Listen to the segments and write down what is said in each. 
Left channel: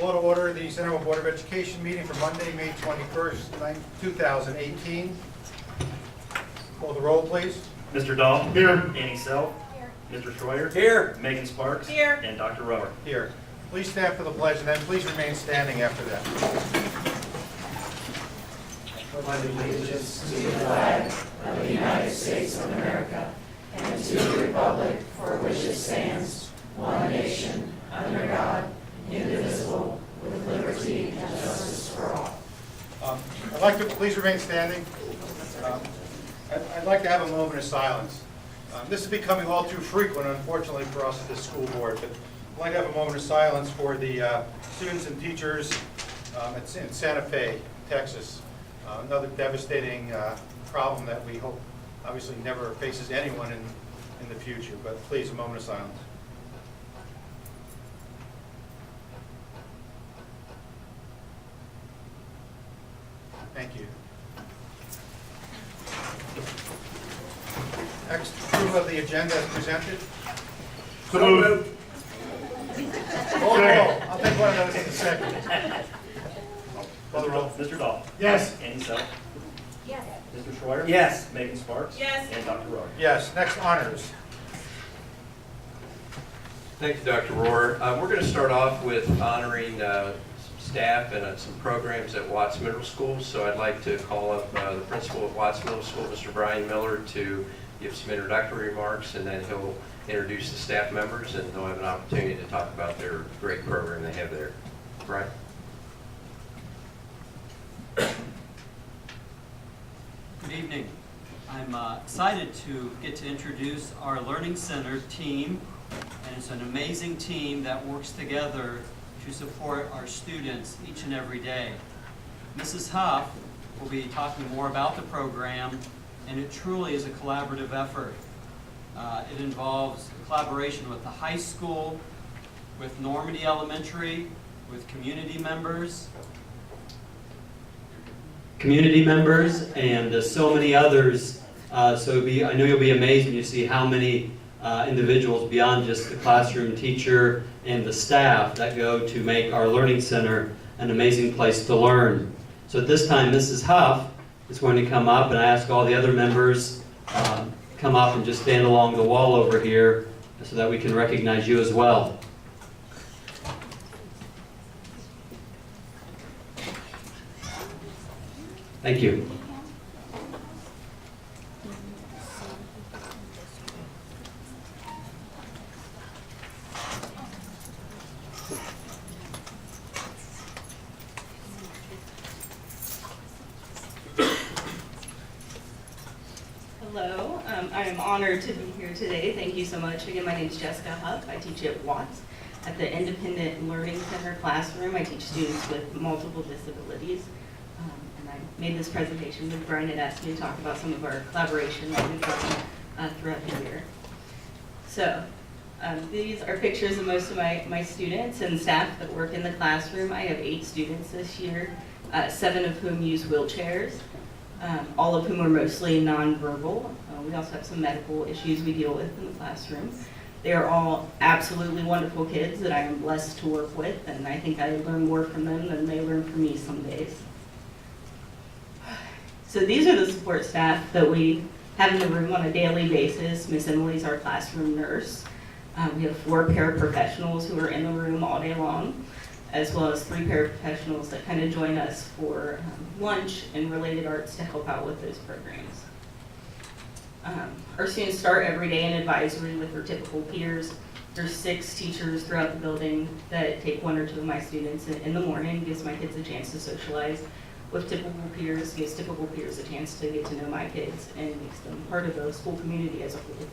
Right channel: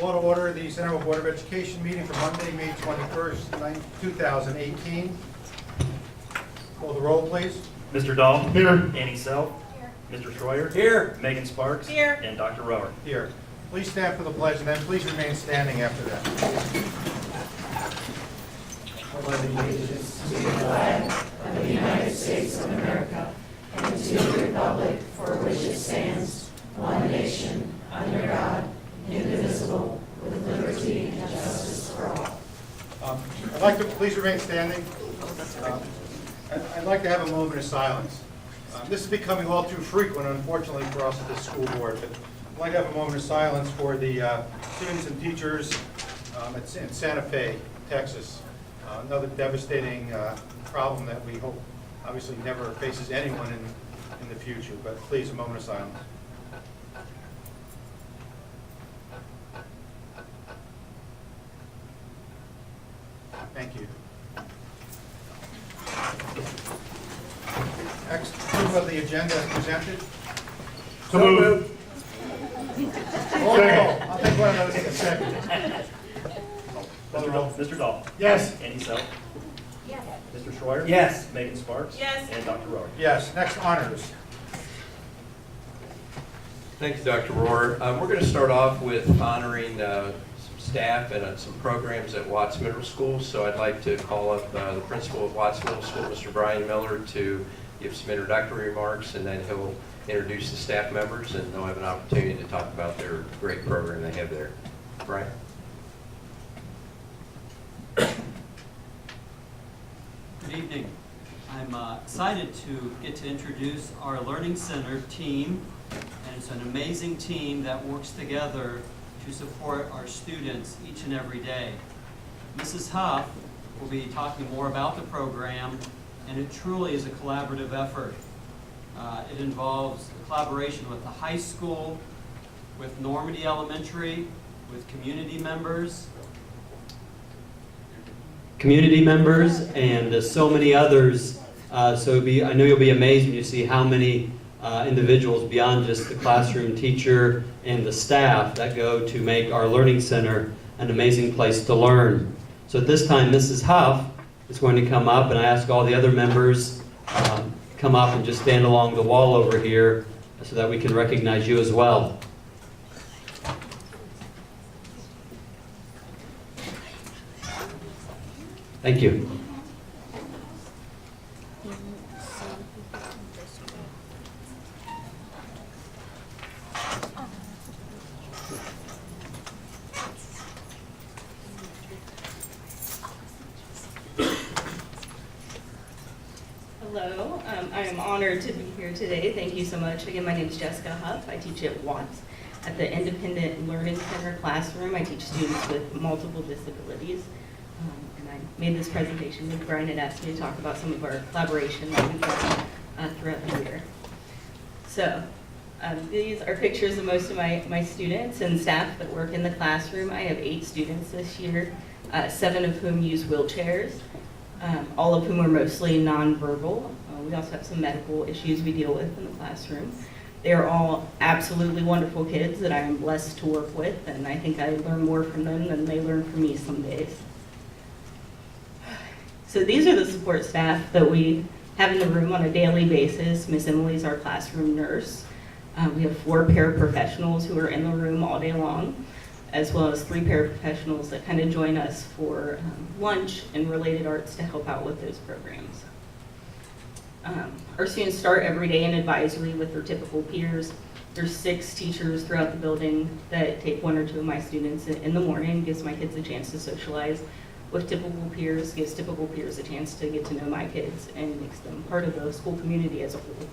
Call to order the Center Board of Education meeting for Monday, May 21st, 2018. Call the roll, please. Mr. Dahl. Here. Annie Self. Here. Mr. Schroyer. Here. Megan Sparks. Here. And Dr. Rower. Here. Please stand for the pledge and then please remain standing after that. pledge allegiance to the flag of the United States of America and to the republic for which it stands, one nation, under God, indivisible, with liberty and justice for all. I'd like to please remain standing. I'd like to have a moment of silence. This is becoming all too frequent, unfortunately, for us at this school board, but I'd like to have a moment of silence for the students and teachers in Santa Fe, Texas. Another devastating problem that we hope obviously never faces anyone in the future, but please, a moment of silence. Thank you. Next, approval of the agenda as presented. So moved. Roll call. I'll take one of those in a second. Call the roll. Mr. Dahl. Yes. Annie Self. Yes. Mr. Schroyer. Yes. Megan Sparks. Yes. And Dr. Rower. Yes. Next, honors. Thank you, Dr. Rohr. We're going to start off with honoring some staff and some programs at Watts Middle School. So I'd like to call up the principal of Watts Middle School, Mr. Brian Miller, to give some introductory remarks, and then he'll introduce the staff members, and they'll have an opportunity to talk about their great program they have there. Brian? Good evening. I'm excited to get to introduce our Learning Center team, and it's an amazing team that works together to support our students each and every day. Mrs. Huff will be talking more about the program, and it truly is a collaborative effort. It involves a collaboration with the high school, with Normandy Elementary, with community members, and so many others. I know you'll be amazed when you see how many individuals beyond just the classroom teacher and the staff that go to make our Learning Center an amazing place to learn. So at this time, Mrs. Huff is going to come up, and I ask all the other members come up and just stand along the wall over here so that we can recognize you as well. Thank you. Hello, I am honored to be here today. Thank you so much. Again, my name is Jessica Huff. I teach at Watts at the Independent Learning Center classroom. I teach students with multiple disabilities. And I made this presentation because Brian had asked me to talk about some of our collaboration that we've done throughout the year. So these are pictures of most of my students and staff that work in the classroom. I have 8 students this year, 7 of whom use wheelchairs. All of whom are mostly nonverbal. We also have some medical issues we deal with in the classroom. They are all absolutely wonderful kids that I am blessed to work with, and I think I learn more from them than they learn from me some days. So these are the support staff that we have in the room on a daily basis. Miss Emily's our classroom nurse. We have 4 paraprofessionals who are in the room all day long, as well as 3 paraprofessionals that kind of join us for lunch and related arts to help out with those programs. Our students start every day in advisory with their typical peers. There's 6 teachers throughout the building that take 1 or 2 of my students in the morning, gives my kids a chance to socialize with typical peers, gives typical peers a chance to get to know my kids, and makes them part of the school community as a whole.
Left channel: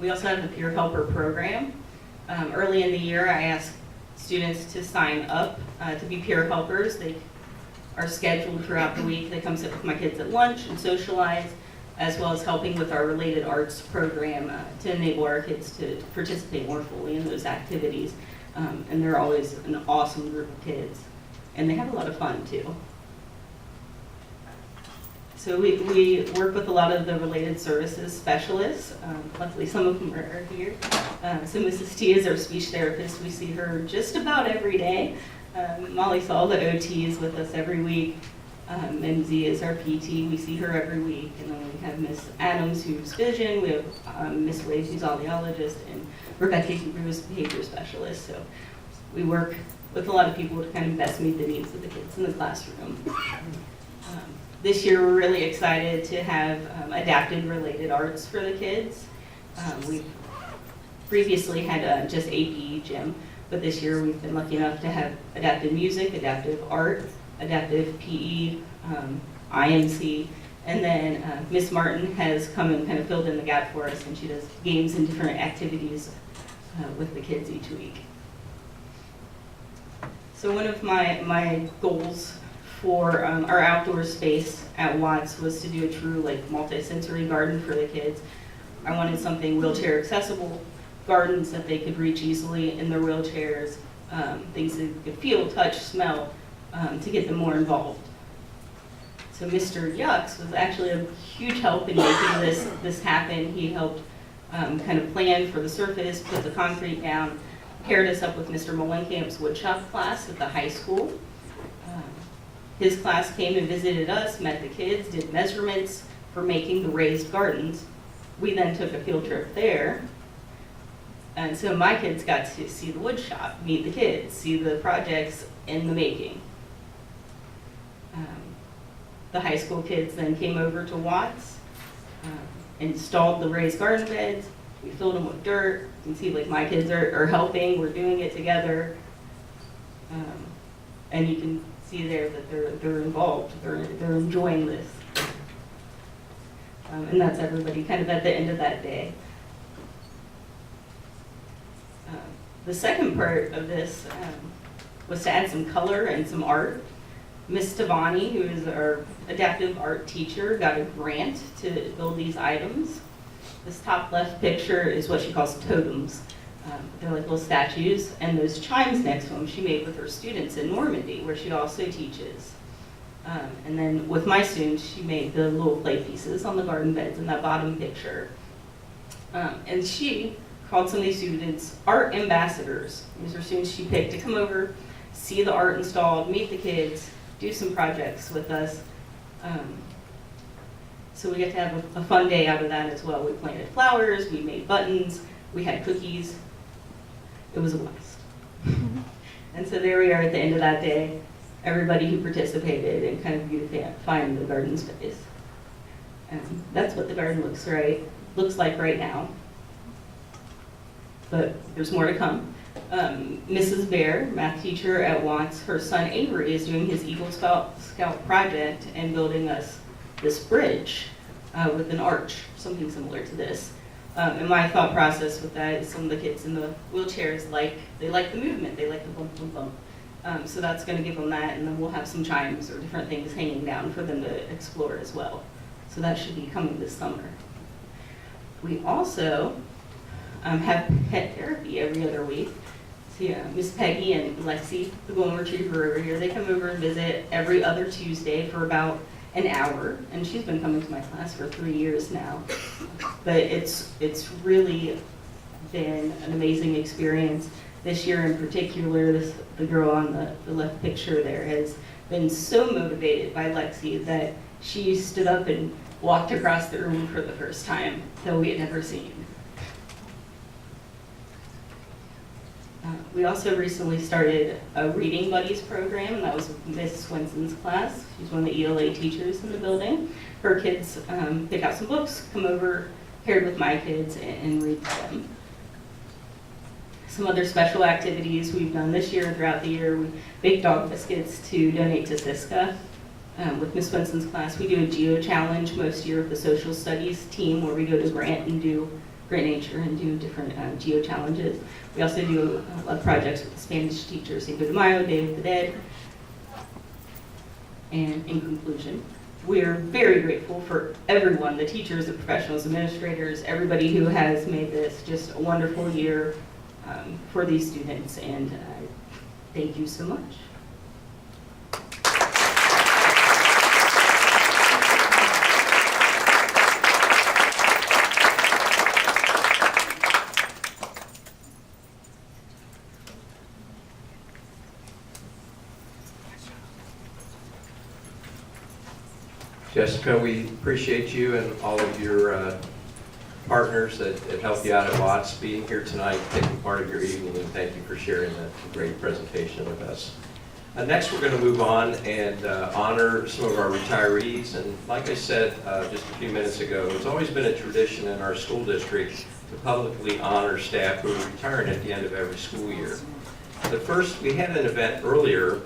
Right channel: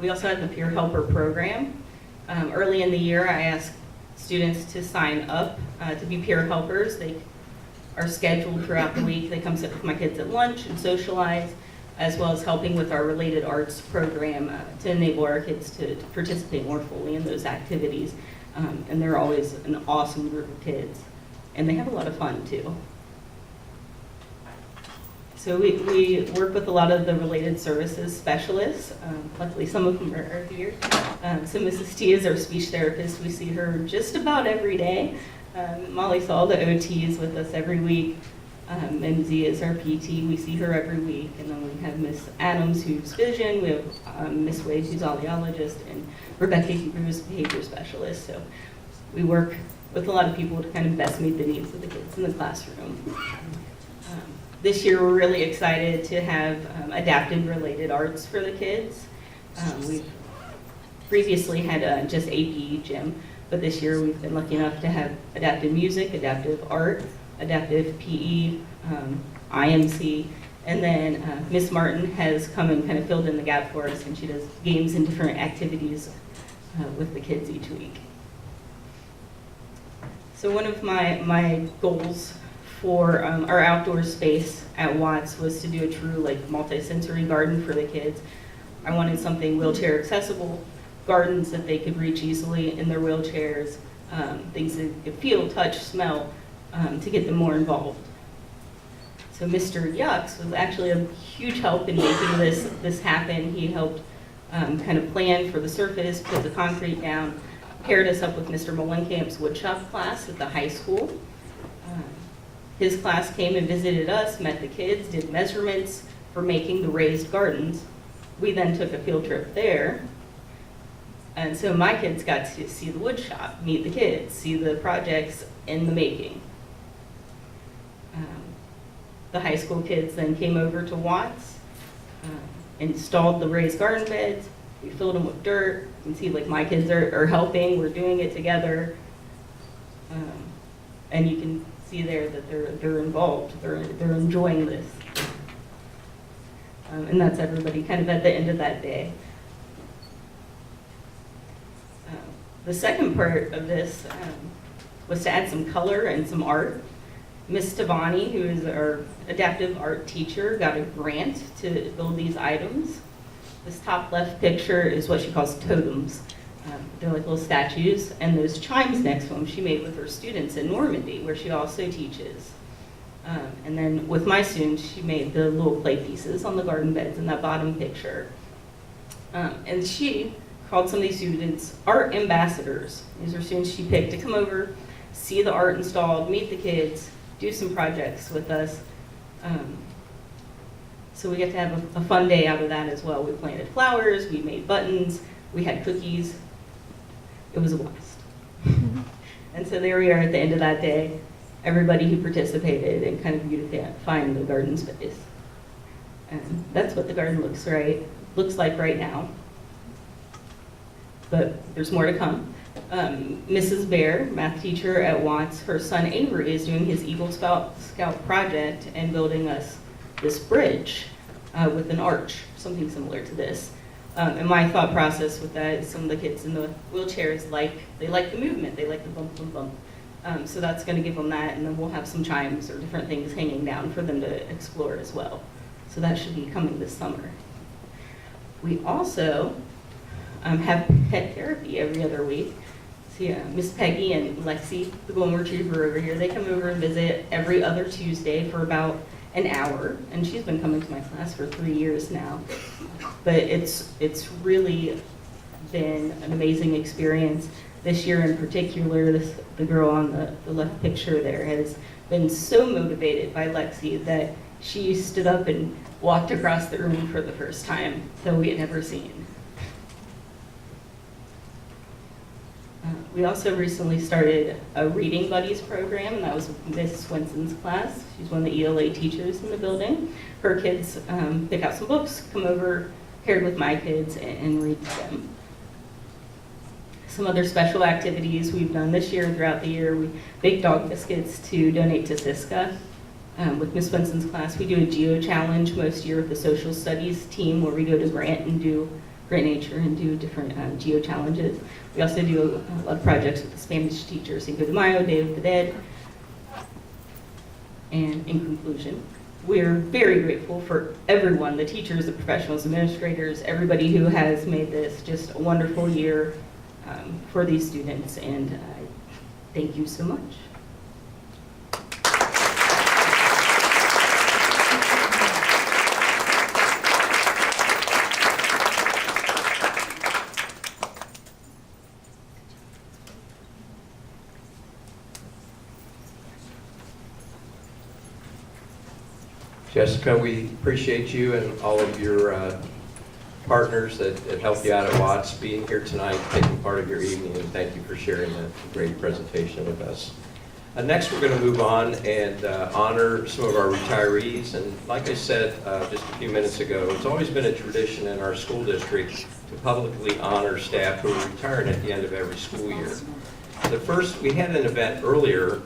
We also have the Peer Helper program. Early in the year, I asked students to sign up to be peer helpers. They are scheduled throughout the week. They come sit with my kids at lunch and socialize, as well as helping with our related arts program to enable our kids to participate more fully in those activities. And they're always an awesome group of kids, and they have a lot of fun too. So we work with a lot of the related services specialists. Luckily, some of them are here. So Mrs. T is our speech therapist. We see her just about every day. Molly saw the OTs with us every week. MZ is our PT. We see her every week. And then we have Miss Adams, who's vision. We have Miss Wade, who's audiologist, and Rebecca, who's behavior specialist. So we work with a lot of people to kind of best meet the needs of the kids in the classroom. This year, we're really excited to have adapted related arts for the kids. We've previously had just AP gym, but this year we've been lucky enough to have adaptive music, adaptive art, adaptive PE, IMC, and then Miss Martin has come and kind of filled in the gap for us, and she does games and different activities with the kids each week. So one of my goals for our outdoor space at Watts was to do a true multi-sensory garden for the kids. I wanted something wheelchair accessible, gardens that they could reach easily in their wheelchairs, things they could feel, touch, smell, to get them more involved. So Mr. Yucks was actually a huge help in making this happen. He helped kind of plan for the surface, put the concrete down, paired us up with Mr. Molenkamp's woodshop class at the high school. His class came and visited us, met the kids, did measurements for making the raised gardens. We then took a field trip there. And so my kids got to see the wood shop, meet the kids, see the projects in the making. The high school kids then came over to Watts, installed the raised garden beds. We filled them with dirt. You can see my kids are helping, we're doing it together. And you can see there that they're involved, they're enjoying this. And that's everybody kind of at the end of that day. The second part of this was to add some color and some art. Miss Tavani, who is our adaptive art teacher, got a grant to build these items. This top left picture is what she calls totems. They're like little statues, and those chimes next to them she made with her students in Normandy, where she also teaches. And then with my students, she made the little play pieces on the garden beds in that bottom picture. And she called some of these students art ambassadors. These are students she picked to come over, see the art installed, meet the kids, do some projects with us. So we get to have a fun day out of that as well. We planted flowers, we made buttons, we had cookies. It was a blast. And so there we are at the end of that day, everybody who participated and kind of beautifying the garden space. And that's what the garden looks like right now. But there's more to come. Mrs. Bear, math teacher at Watts, her son Avery is doing his Eagle Scout project and building us this bridge with an arch, something similar to this. And my thought process with that is some of the kids in the wheelchairs they like the movement, they like the bump, bump, bump. So that's going to give them that, and then we'll have some chimes or different things hanging down for them to explore as well. So that should be coming this summer. We also have pet therapy every other week. So yeah, Miss Peggy and Lexi, the golden retriever over here, they come over and visit every other Tuesday for about an hour, and she's been coming to my class for 3 years now. But it's really been an amazing experience. This year in particular, the girl on the left picture there has been so motivated by Lexi that she stood up and walked across the room for the first time that we had never seen. We also recently started a Reading Buddies program, and that was with Miss Swenson's class. She's one of the ELA teachers in the building. Her kids pick out some books, come over, paired with my kids, and read them. Some other special activities we've done this year and throughout the year, we bake dog biscuits to donate to Siska. With Miss Swenson's class, we do a geo challenge most year with the social studies team, where we go to Grant Nature and do different geo challenges. We also do a lot of projects with the Spanish teachers, Cinco de Mayo, Day of the Dead. And in conclusion, we're very grateful for everyone, the teachers, the professionals, administrators, everybody who has made this just a wonderful year for these students, and thank you so much. Jessica, we appreciate you and all of your partners that helped you out at Watts being here tonight, taking part of your evening, and thank you for sharing that great presentation with us. Next, we're going to move on and honor some of our retirees. And like I said just a few minutes ago, it's always been a tradition in our school district to publicly honor staff who are retiring at the end of every school year. We had an event earlier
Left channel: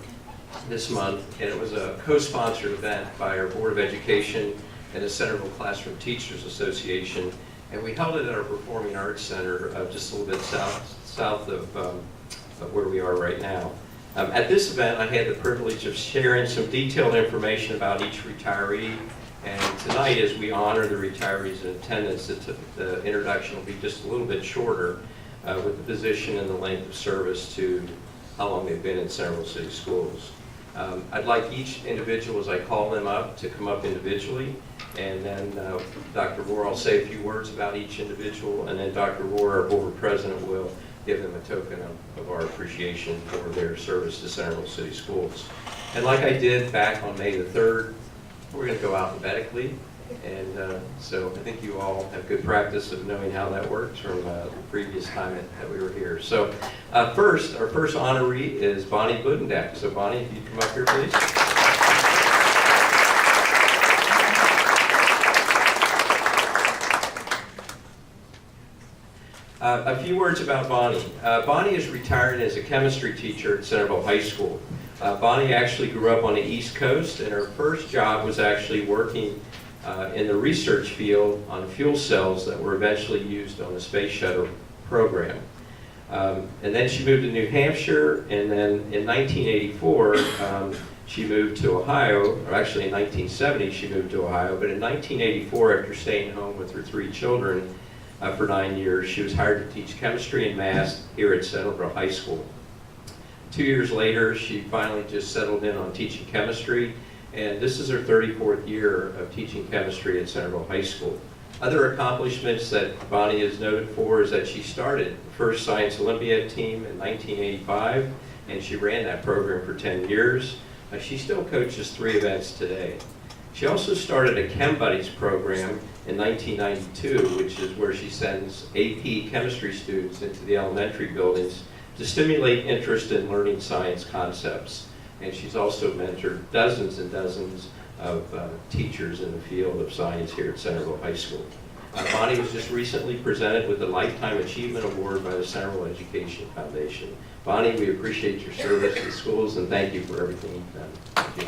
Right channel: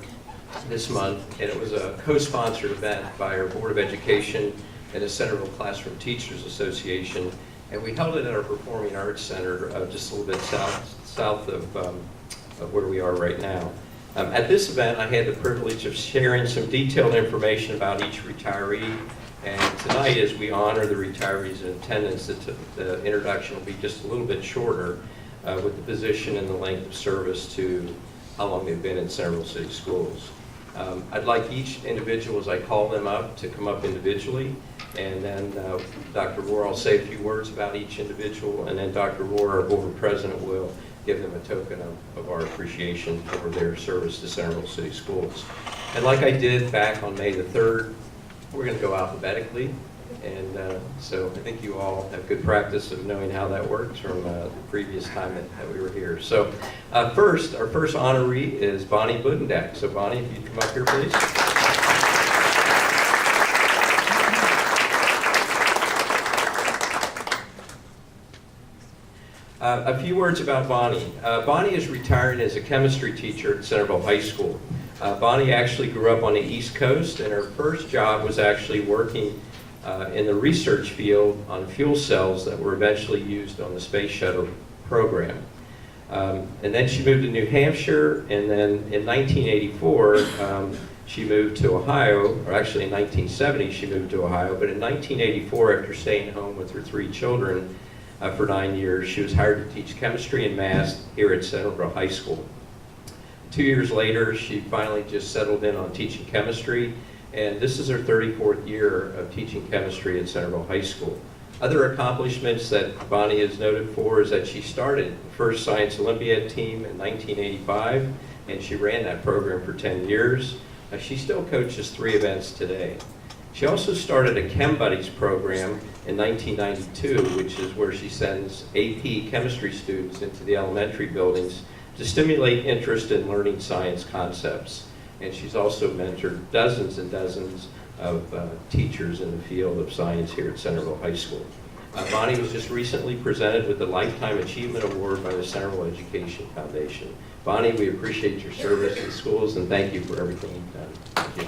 this month, and it was a co-sponsored event by our Board of Education and the Centerville Classroom Teachers Association, and we held it at our Performing Arts Center just a little bit south of where we are right now. At this event, I had the privilege of sharing some detailed information about each retiree, and tonight, as we honor the retirees in attendance, the introduction will be just a little bit shorter with the position and the length of service to how long they've been in Centerville City Schools. I'd like each individual, as I call them up, to come up individually, and then Dr. Rohr will say a few words about each individual, and then Dr. Rohr, our board president, will give them a token of our appreciation for their service to Centerville City Schools. And like I did back on May the 3rd, we're going to go alphabetically, and so I think you all have good practice of knowing how that works from the previous time that we were here. So our first honoree is Bonnie Budendak. So Bonnie, if you'd come up here, please. A few words about Bonnie. Bonnie is retiring as a chemistry teacher at Centerville High School. Bonnie actually grew up on the East Coast, and her first job was actually working in the research field on fuel cells that were eventually used on the Space Shuttle program. And then she moved to New Hampshire, and then in 1984, she moved to Ohio, or actually in 1970 she moved to Ohio, but in 1984, after staying home with her 3 children for 9 years, she was hired to teach chemistry and math here at Centerville High School. 2 years later, she finally just settled in on teaching chemistry, and this is her 34th year of teaching chemistry at Centerville High School. Other accomplishments that Bonnie is noted for is that she started the first Science Olympiad team in 1985, and she ran that program for 10 years. She still coaches 3 events today. She also started a Chem Buddies program in 1992, which is where she sends AP chemistry students into the elementary buildings to stimulate interest in learning science concepts. And she's also mentored dozens and dozens of teachers in the field of science here at Centerville High School. Bonnie was just recently presented with the Lifetime Achievement Award by the Centerville Education Foundation. Bonnie, we appreciate your service in schools, and thank you for everything you've done. Thank you.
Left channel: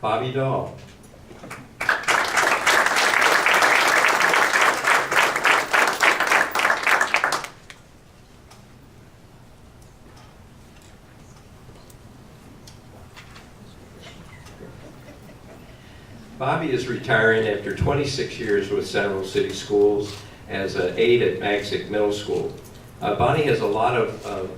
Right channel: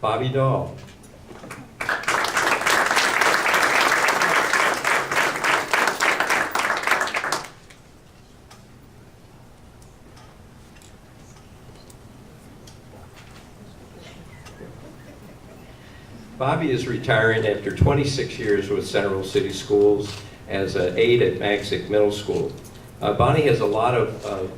Bobby Dahl. Bobby is retiring after 26 years with Centerville City Schools as an aide at Magsic Middle School. Bonnie has a lot of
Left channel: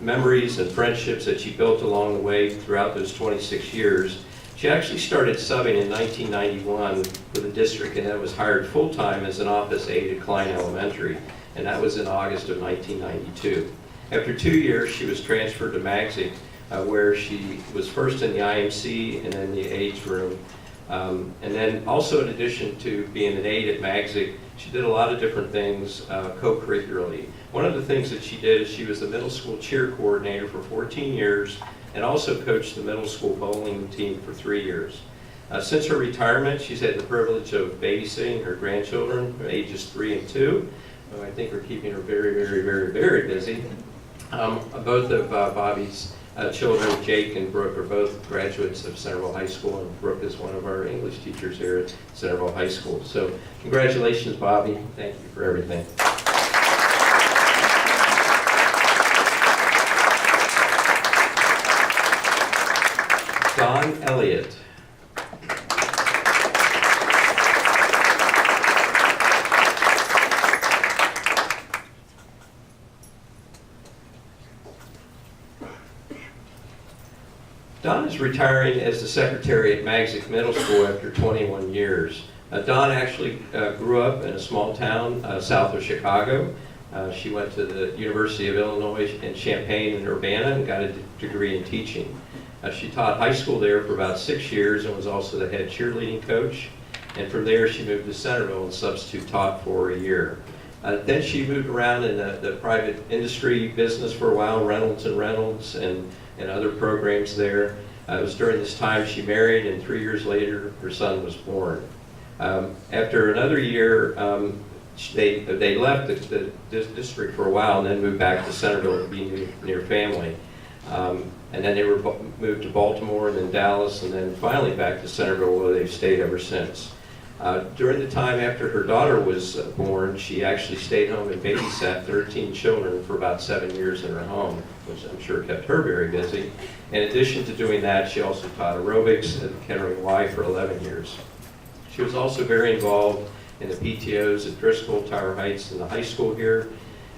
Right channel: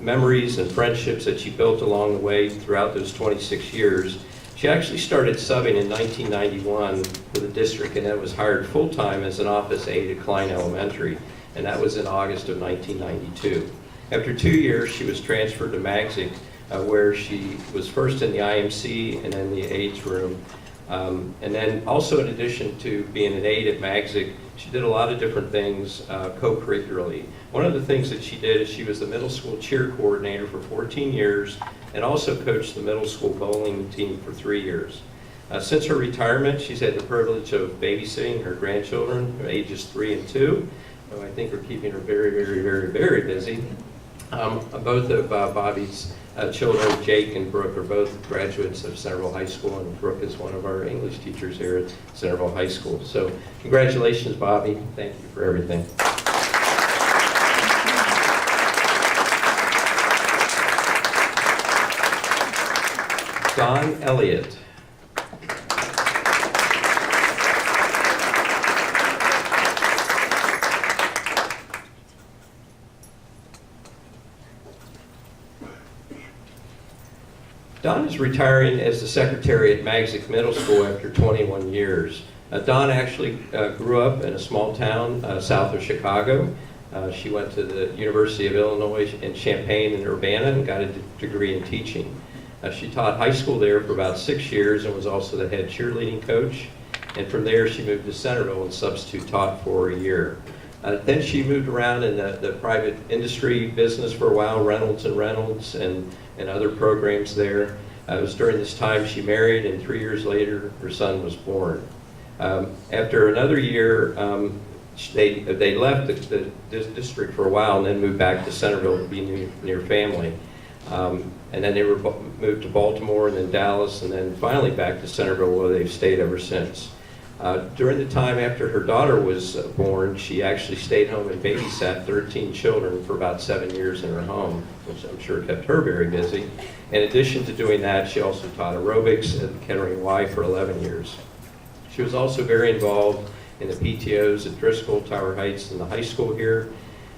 memories and friendships that she built along the way throughout those 26 years. She actually started subbing in 1991 for the district and then was hired full-time as an office aide at Klein Elementary, and that was in August of 1992. After 2 years, she was transferred to Magsic, where she was first in the IMC and then the aides room. And then also, in addition to being an aide at Magsic, she did a lot of different things co-curricularly. One of the things that she did is she was the middle school cheer coordinator for 14 years and also coached the middle school bowling team for 3 years. Since her retirement, she's had the privilege of babysitting her grandchildren, ages 3 and 2, who I think are keeping her very, very, very, very busy. Both of Bobby's children, Jake and Brooke, are both graduates of Centerville High School, and Brooke is one of our English teachers here at Centerville High School. So congratulations, Bobby. Thank you for everything. Don Elliott. Don is retiring as the secretary at Magsic Middle School after 21 years. Don actually grew up in a small town south of Chicago. She went to the University of Illinois in Champaign and Urbana and got a degree in teaching. She taught high school there for about 6 years and was also the head cheerleading coach. And from there, she moved to Centerville and substitute taught for a year. Then she moved around in the private industry business for a while, Reynolds and other programs there. It was during this time she married, and 3 years later, her son was born. After another year, they left the district for a while and then moved back to Centerville to be near family. And then they were moved to Baltimore and then Dallas and then finally back to Centerville, where they've stayed ever since. During the time after her daughter was born, she actually stayed home and babysat 13 children for about 7 years in her home, which I'm sure kept her very busy. In addition to doing that, she also taught aerobics at Kettering Y for 11 years. She was also very involved in the PTOs at Driscoll, Tower Heights, and the high school here.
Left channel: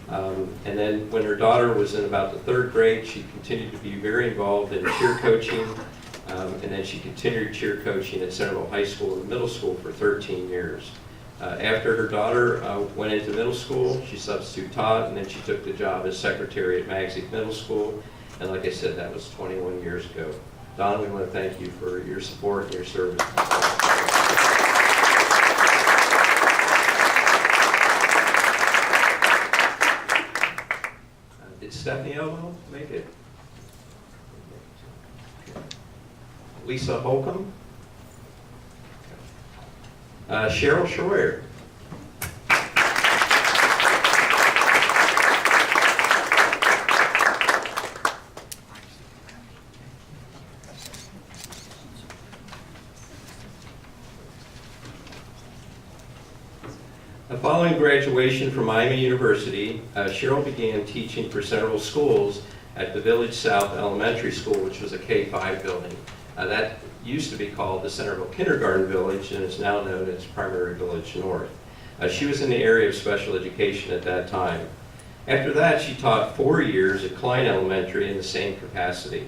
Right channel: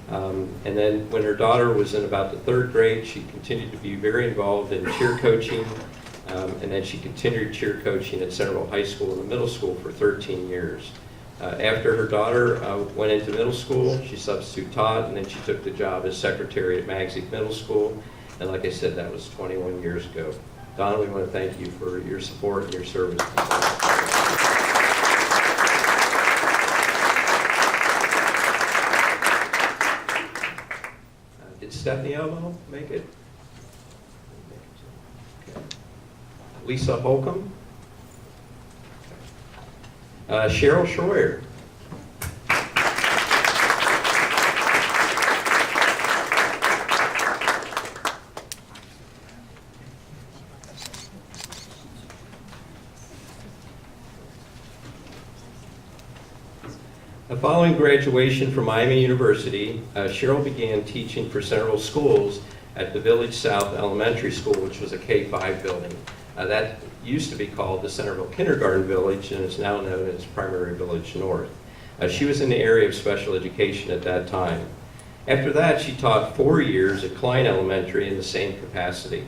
And then when her daughter was in about the 3rd grade, she continued to be very involved in cheer coaching. And then she continued cheer coaching at Centerville High School and the middle school for 13 years. After her daughter went into middle school, she substitute taught, and then she took the job as secretary at Magsic Middle School. And like I said, that was 21 years ago. Donna, we want to thank you for your support and your service. Did Stephanie Elmo make it? Okay. Lisa Holcomb? Cheryl Schroyer. Following graduation from Miami University, Cheryl began teaching for Centerville schools at the Village South Elementary School, which was a K-5 building. That used to be called the Centerville Kindergarten Village and is now known as Primary Village North. She was in the area of special education at that time. After that, she taught 4 years at Klein Elementary in the same capacity.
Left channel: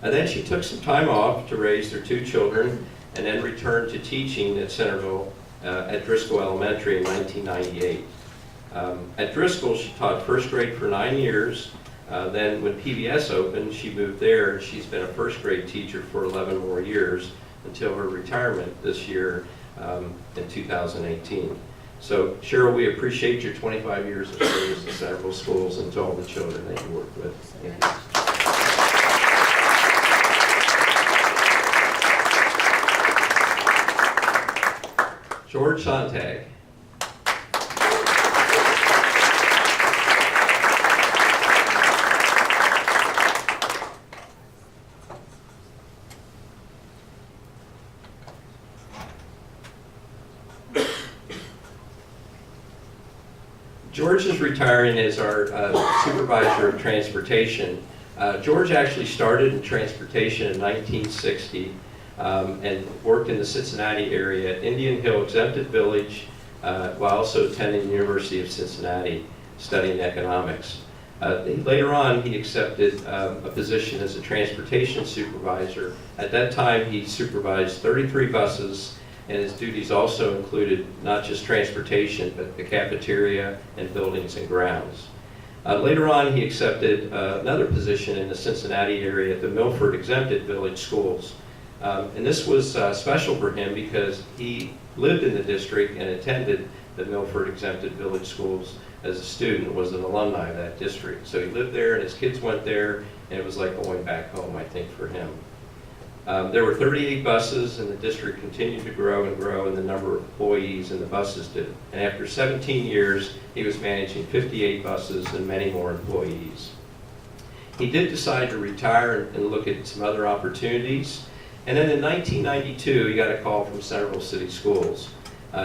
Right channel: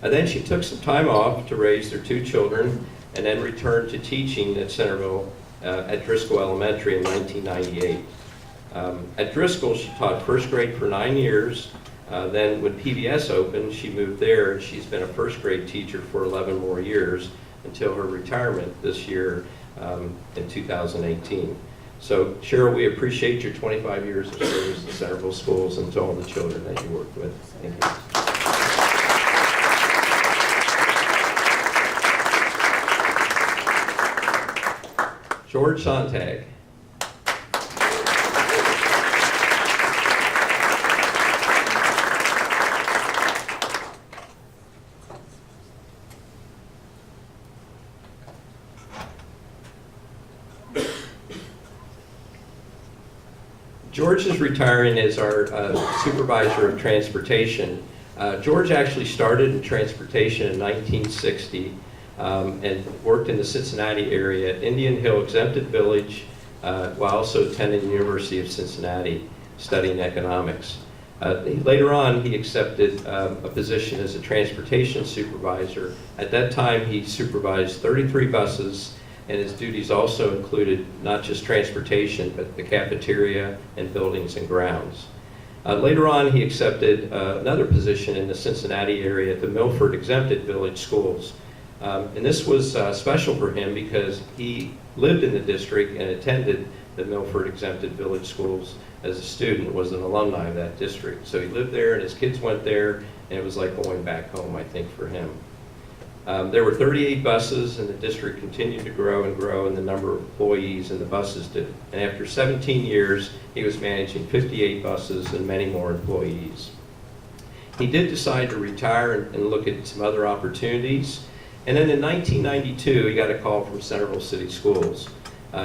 Then she took some time off to raise their 2 children and then returned to teaching at Centerville at Driscoll Elementary in 1998. At Driscoll, she taught 1st grade for 9 years. Then when PBS opened, she moved there, and she's been a 1st grade teacher for 11 more years until her retirement this year in 2018. So Cheryl, we appreciate your 25 years of service to Centerville schools and to all the children that you worked with. Thank you. George Sante. George is retiring as our supervisor of transportation. George actually started in transportation in 1960. And worked in the Cincinnati area at Indian Hill Exempted Village while also attending the University of Cincinnati studying economics. Later on, he accepted a position as a transportation supervisor. At that time, he supervised 33 buses, and his duties also included not just transportation, but the cafeteria and buildings and grounds. Later on, he accepted another position in the Cincinnati area at the Milford Exempted Village Schools. And this was special for him because he lived in the district and attended the Milford Exempted Village Schools as a student, was an alumni of that district. So he lived there and his kids went there, and it was like going back home, I think, for him. There were 38 buses, and the district continued to grow and grow in the number of employees, and the buses did. And after 17 years, he was managing 58 buses and many more employees. He did decide to retire and look at some other opportunities. And then in 1992, he got a call from Centerville City Schools.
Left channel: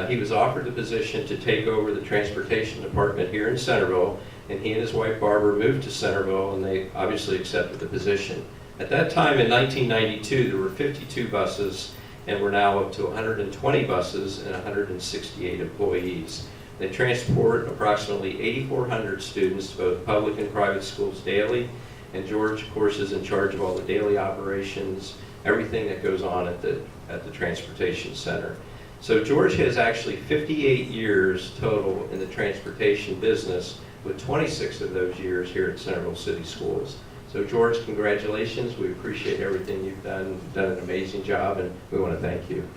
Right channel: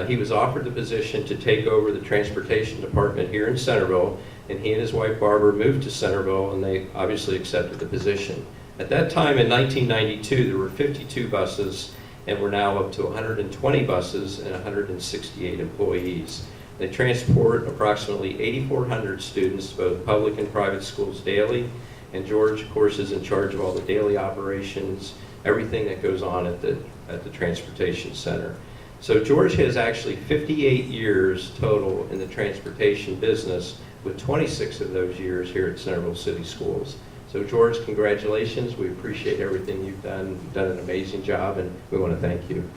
He was offered the position to take over the transportation department here in Centerville, and he and his wife Barbara moved to Centerville, and they obviously accepted the position. At that time in 1992, there were 52 buses, and we're now up to 120 buses and 168 employees. They transport approximately 8,400 students to both public and private schools daily, and George, of course, is in charge of all the daily operations, everything that goes on at the transportation center. So George has actually 58 years total in the transportation business, with 26 of those years here at Centerville City Schools. So George, congratulations. We appreciate everything you've done. You've done an amazing job, and we want to thank you.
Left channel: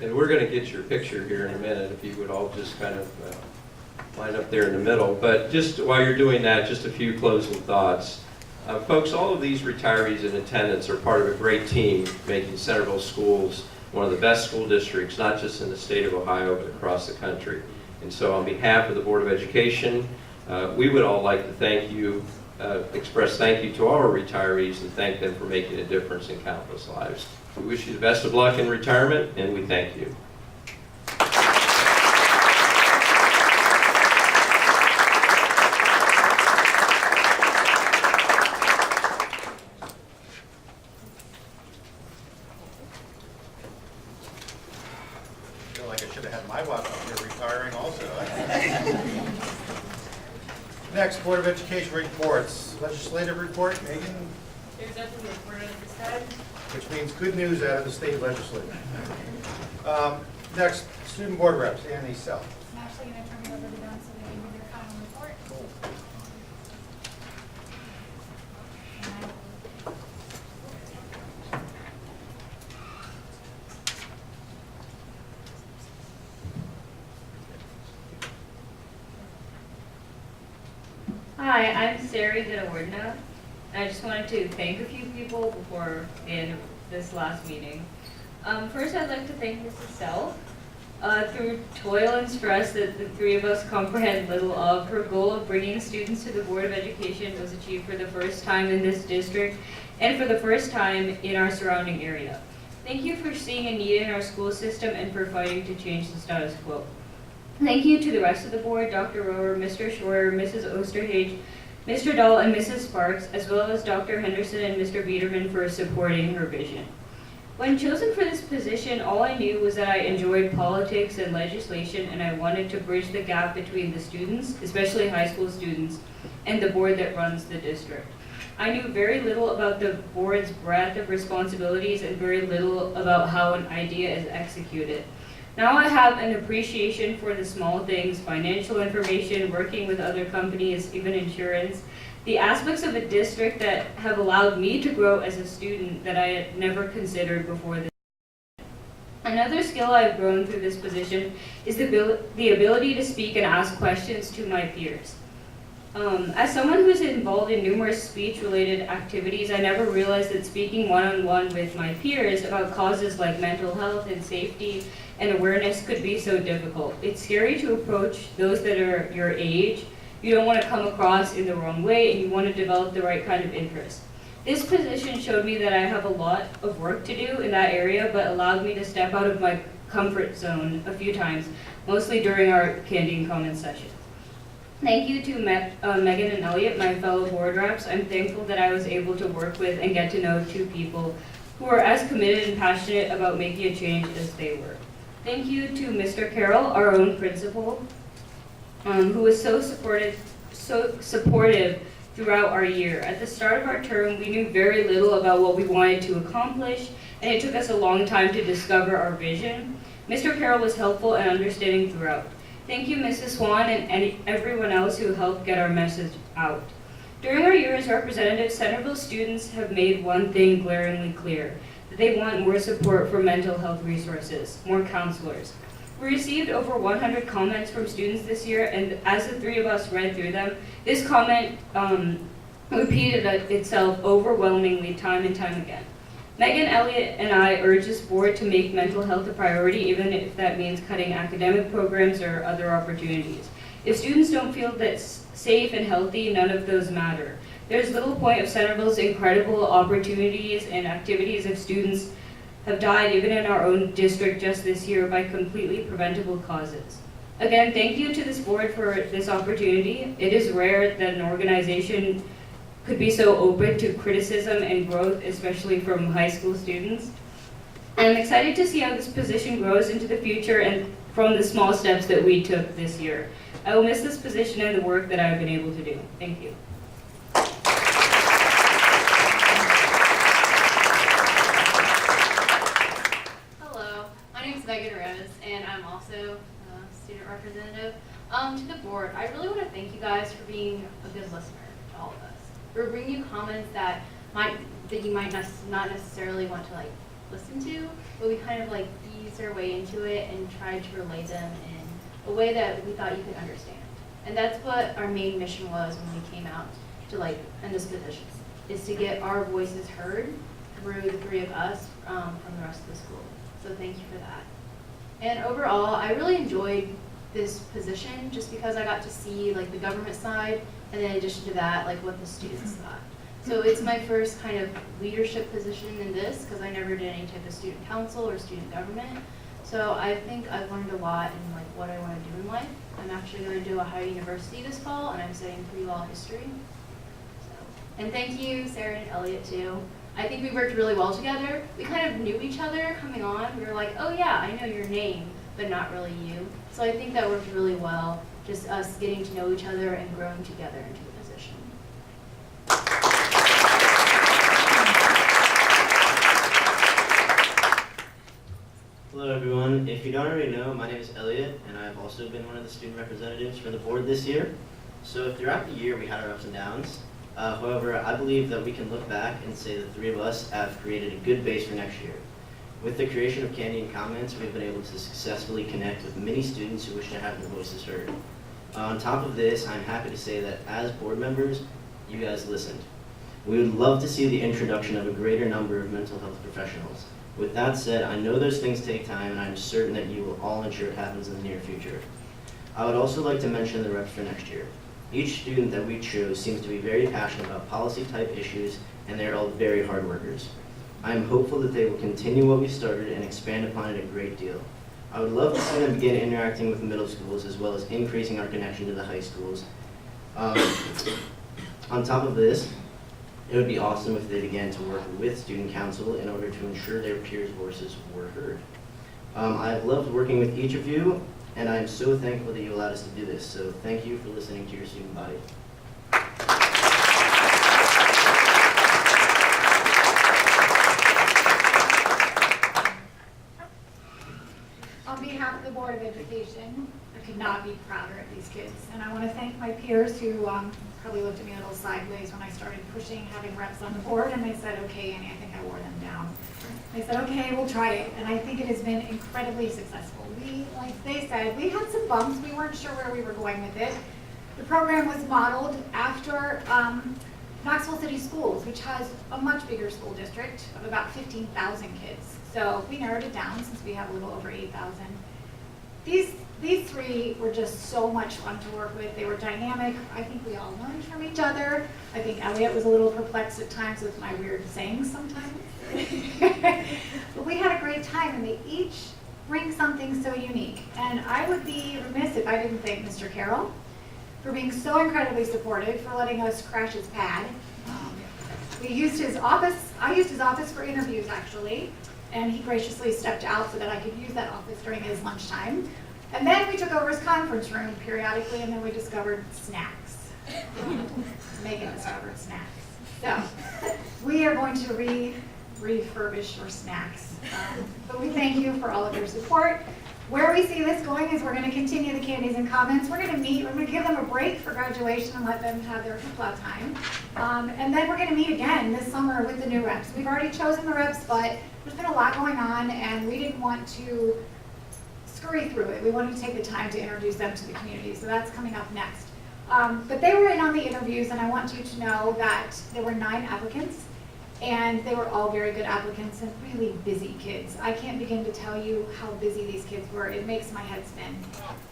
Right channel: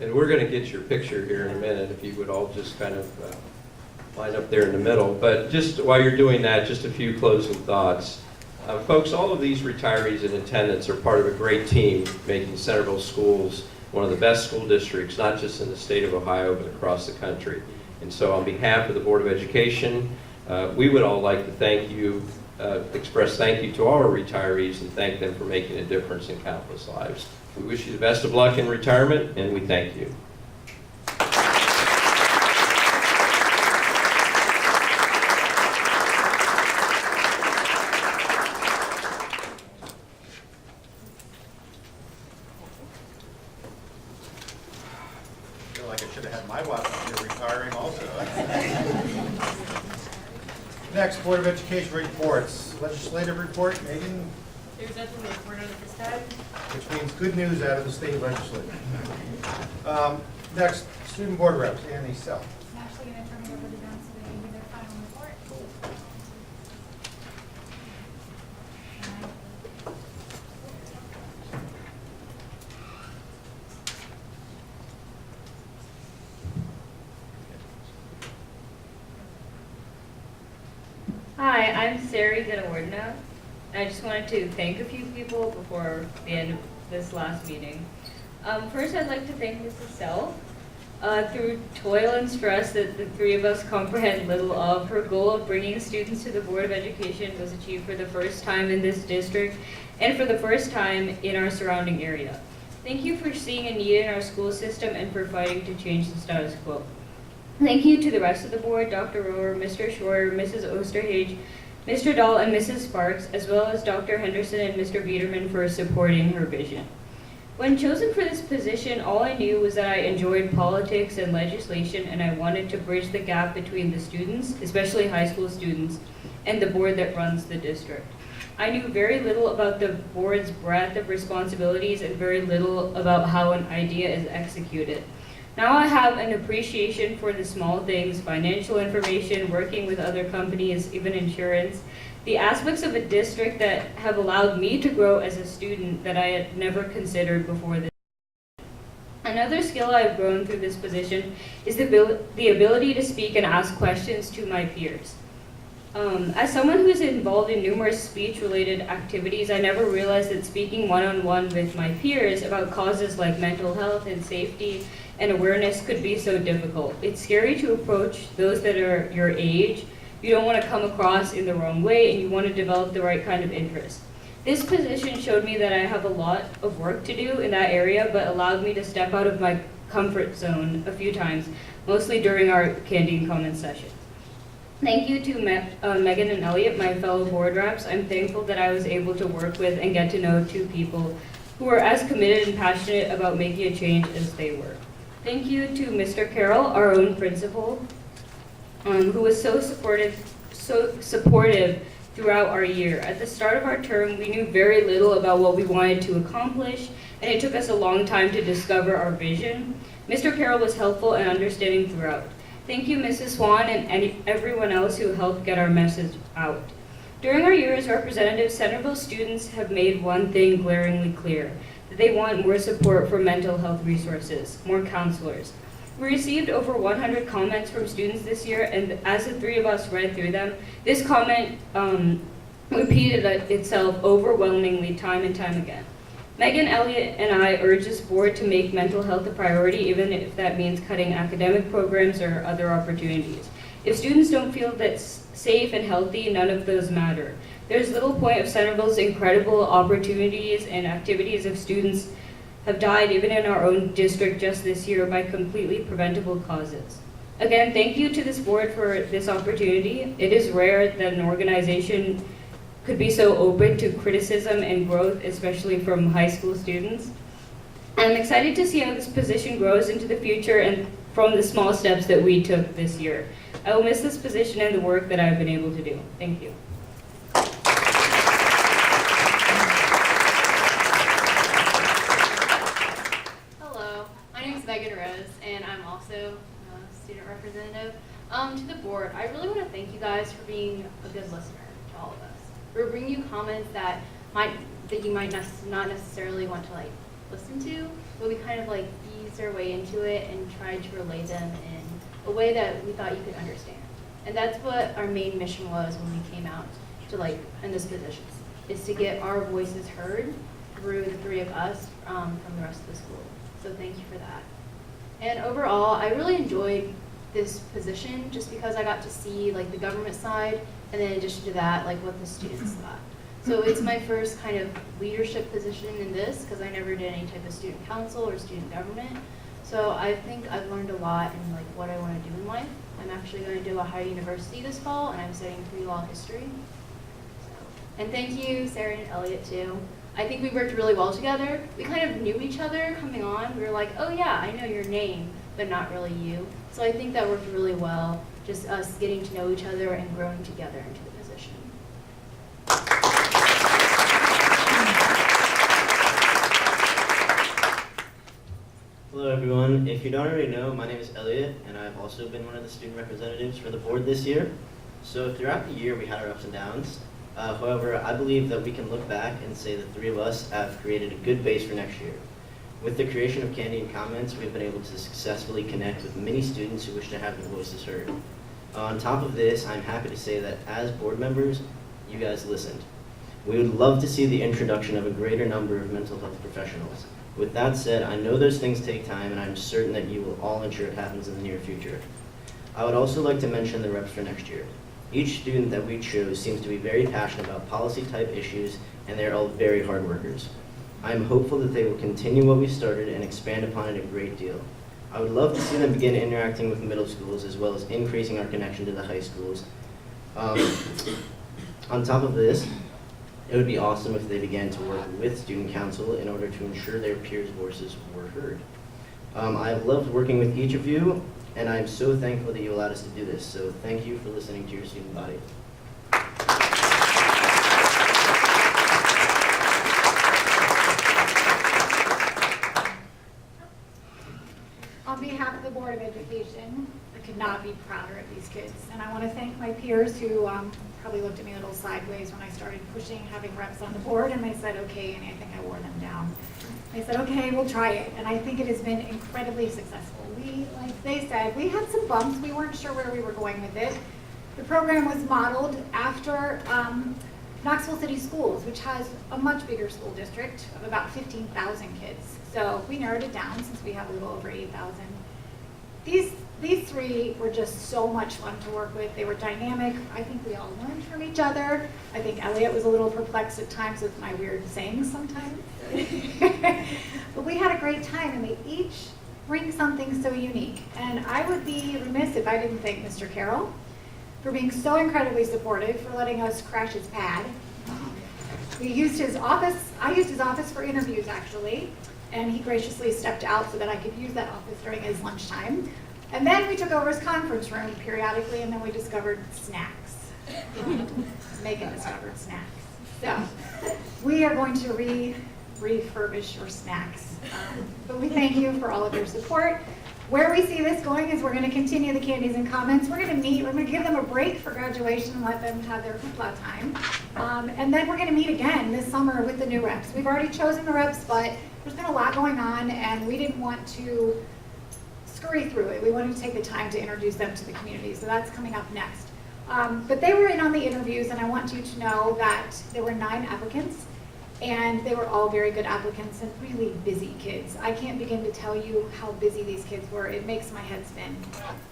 And we're going to get your picture here in a minute, if you would all just kind of line up there in the middle. But just while you're doing that, just a few closing thoughts. Folks, all of these retirees in attendance are part of a great team making Centerville Schools one of the best school districts, not just in the state of Ohio, but across the country. And so on behalf of the Board of Education, we would all like to thank you, express thank you to all our retirees and thank them for making a difference in countless lives. We wish you the best of luck in retirement, and we thank you. I feel like I should have had my watch up here retiring also. Next, Board of Education reports. Legislative report, Megan, There's nothing to report on at this time. which means good news out of the state legislature. Next, student board reps, Annie Self. I'm actually going to turn it over to them so they can give their final report. Hi, I'm Sari Ginawardena. I just wanted to thank a few people before the end of this last meeting. First, I'd like to thank Mrs. Self. Through toil and stress that the three of us comprehend little of, her goal of bringing students to the Board of Education was achieved for the first time in this district and for the first time in our surrounding area. Thank you for seeing a need in our school system and for fighting to change the status quo. Thank you to the rest of the board, Dr. Rohr, Mr. Schroer, Mrs. Osterhage, Mr. Dahl, and Mrs. Sparks, as well as Dr. Henderson and Mr. Biederman for supporting her vision. When chosen for this position, all I knew was that I enjoyed politics and legislation, and I wanted to bridge the gap between the students, especially high school students, and the board that runs the district. I knew very little about the board's breadth of responsibilities and very little about how an idea is executed. Now I have an appreciation for the small things, financial information, working with other companies, even insurance, the aspects of a district that have allowed me to grow as a student that I had never considered before this. Another skill I've grown through this position is the ability to speak and ask questions to my peers. As someone who's involved in numerous speech-related activities, I never realized that speaking one-on-one with my peers about causes like mental health and safety and awareness could be so difficult. It's scary to approach those that are your age. You don't want to come across in the wrong way, and you want to develop the right kind of interest. This position showed me that I have a lot of work to do in that area, but allowed me to step out of my comfort zone a few times, mostly during our canteen comment session. Thank you to Megan and Elliot, my fellow board reps. I'm thankful that I was able to work with and get to know two people who are as committed and passionate about making a change as they were. Thank you to Mr. Carroll, our own principal, who was so supportive throughout our year. At the start of our term, we knew very little about what we wanted to accomplish, and it took us a long time to discover our vision. Mr. Carroll was helpful and understanding throughout. Thank you, Mrs. Swan, and everyone else who helped get our message out. During our year as representatives, Centerville students have made one thing glaringly clear, that they want more support for mental health resources, more counselors. We received over 100 comments from students this year, and as the three of us read through them, this comment repeated itself overwhelmingly time and time again. Megan, Elliott, and I urge this board to make mental health a priority, even if that means cutting academic programs or other opportunities. If students don't feel that's safe and healthy, none of those matter. There's little point of Centerville's incredible opportunities and activities if students have died even in our own district just this year by completely preventable causes. Again, thank you to this board for this opportunity. It is rare that an organization could be so open to criticism and growth, especially from high school students. I'm excited to see how this position grows into the future and from the small steps that we took this year. I will miss this position and the work that I've been able to do. Thank you. Hello, my name is Megan Rose, and I'm also a student representative. To the board, I really want to thank you guys for being a good listener to all of us. We're bringing you comments that you might not necessarily want to listen to, but we kind of eased our way into it and tried to relay them in a way that we thought you could understand. And that's what our main mission was when we came out to in this position, is to get our voices heard through the three of us from the rest of the school. So thank you for that. And overall, I really enjoyed this position just because I got to see the government side, and then in addition to that, what the students thought. So it's my first kind of leadership position in this because I never did any type of student council or student government. So I think I've learned a lot in what I want to do in life. I'm actually going to do Ohio University this fall, and I'm studying pre-law history. And thank you, Sarah and Elliot, too. I think we worked really well together. We kind of knew each other coming on. We were like, oh yeah, I know your name, but not really you. So I think that worked really well, just us getting to know each other and growing together into the position. Hello everyone. If you don't already know, my name is Elliot, and I've also been one of the student representatives for the board this year. So throughout the year we had our ups and downs. However, I believe that we can look back and say the three of us have created a good base for next year. With the creation of Candy and Comments, we've been able to successfully connect with many students who wish to have their voices heard. On top of this, I'm happy to say that as board members, you guys listened. We would love to see the introduction of a greater number of mental health professionals. With that said, I know those things take time, and I'm certain that you will all ensure it happens in the near future. I would also like to mention the reps for next year. Each student that we chose seems to be very passionate about policy-type issues, and they're all very hard workers. I am hopeful that they will continue what we started and expand upon it a great deal. I would love to see them begin interacting with middle schools as well as increasing our connection to the high schools. On top of this, it would be awesome if they began to work with student council in order to ensure their peers' voices were heard. I have loved working with each of you, and I am so thankful that you allowed us to do this. So thank you for listening to your student body. On behalf of the Board of Education, I could not be prouder of these kids. And I want to thank my peers who probably looked at me a little sideways when I started pushing having reps on the board, and they said, okay, and I think I wore them down. They said, okay, we'll try it. And I think it has been incredibly successful. Like they said, we had some bumps. We weren't sure where we were going with it. The program was modeled after Knoxville City Schools, which has a much bigger school district of about 15,000 kids. So we narrowed it down since we have a little over 8,000. These three were just so much fun to work with. They were dynamic. I think we all learned from each other. I think Elliot was a little perplexed at times with my weird sayings sometimes. But we had a great time, and they each bring something so unique. And I would be remiss if I didn't thank Mr. Carroll for being so incredibly supportive, for letting us crash his pad. We used his office. I used his office for interviews, actually, and he graciously stepped out so that I could use that office during his lunchtime. And then we took over his conference room periodically, and then we discovered snacks. Megan discovered snacks. So we are going to refurbish your snacks. But we thank you for all of your support. Where we see this going is we're going to continue the Candies and Comments. We're going to meet. We're going to give them a break for graduation and let them have their hoopla time. And then we're going to meet again this summer with the new reps. We've already chosen the reps, but there's been a lot going on, and we didn't want to scurry through it. We wanted to take the time to introduce them to the community, so that's coming up next. But they were in on the interviews, and I want you to know that there were 9 applicants, and they were all very good applicants and really busy kids. I can't begin to tell you how busy these kids were. It makes my head spin.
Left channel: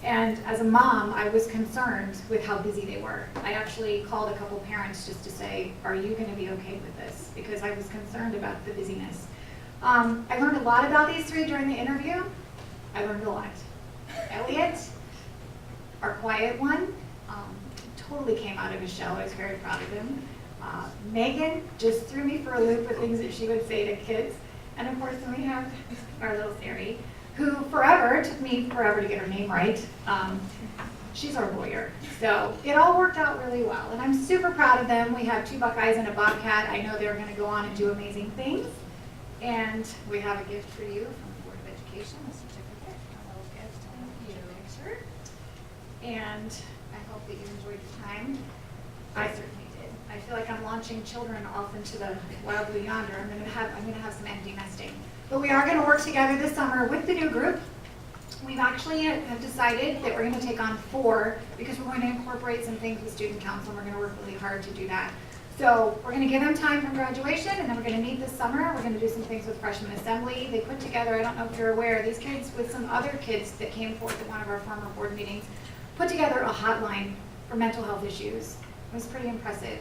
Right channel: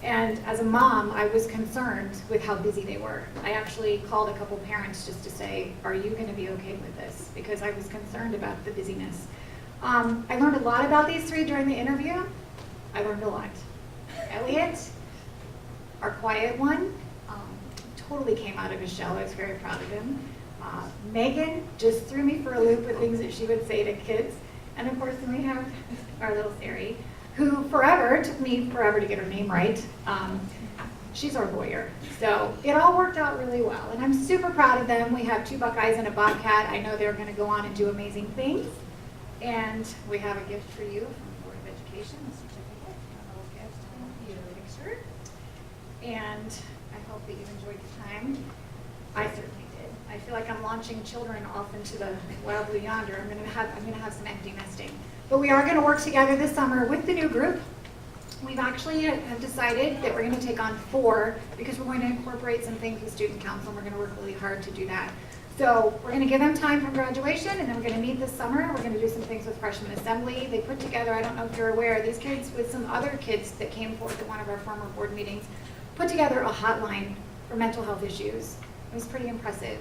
And as a mom, I was concerned with how busy they were. I actually called a couple parents just to say, are you going to be okay with this? Because I was concerned about the busyness. I learned a lot about these 3 during the interview. I learned a lot. Elliot, our quiet one, totally came out of his shell. I was very proud of him. Megan just threw me for a loop with things that she would say to kids. And of course, then we have our little Sari, who took me forever to get her name right. She's our lawyer. So it all worked out really well. And I'm super proud of them. We have 2 Buckeyes and a Bobcat. I know they're gonna go on and do amazing things. And we have a gift for you from the Board of Education, a certificate, a little gift, and a picture. And I hope that you enjoyed your time. I certainly did. I feel like I'm launching children off into the wild blue yonder. I'm gonna have some empty nesting. But we are gonna work together this summer with the new group. We've actually have decided that we're gonna take on 4 because we're going to incorporate some things with student council, and we're gonna work really hard to do that. So we're gonna give them time from graduation, and then we're gonna meet this summer. We're gonna do some things with freshman assembly. They put together, I don't know if you're aware, these kids with some other kids that came forth at one of our former board meetings, put together a hotline for mental health issues. It was pretty impressive.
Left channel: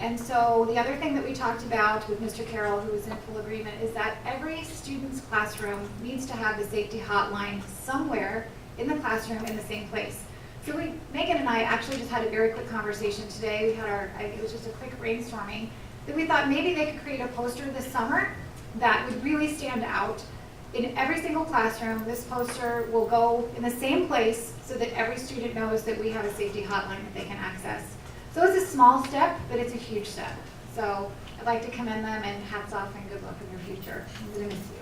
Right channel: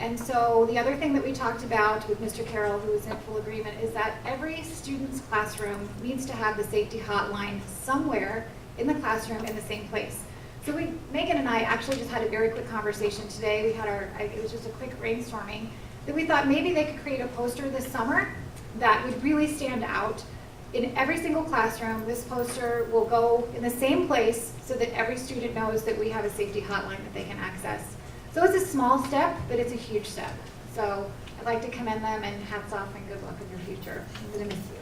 And so the other thing that we talked about with Mr. Carroll, who was in full agreement, is that every student's classroom needs to have the safety hotline somewhere in the classroom in the same place. So Megan and I actually just had a very quick conversation today. We had it was just a quick brainstorming, that we thought maybe they could create a poster this summer that would really stand out. In every single classroom, this poster will go in the same place so that every student knows that we have a safety hotline that they can access. So it's a small step, but it's a huge step. So I'd like to commend them, and hats off and good luck in your future. I'm gonna miss you.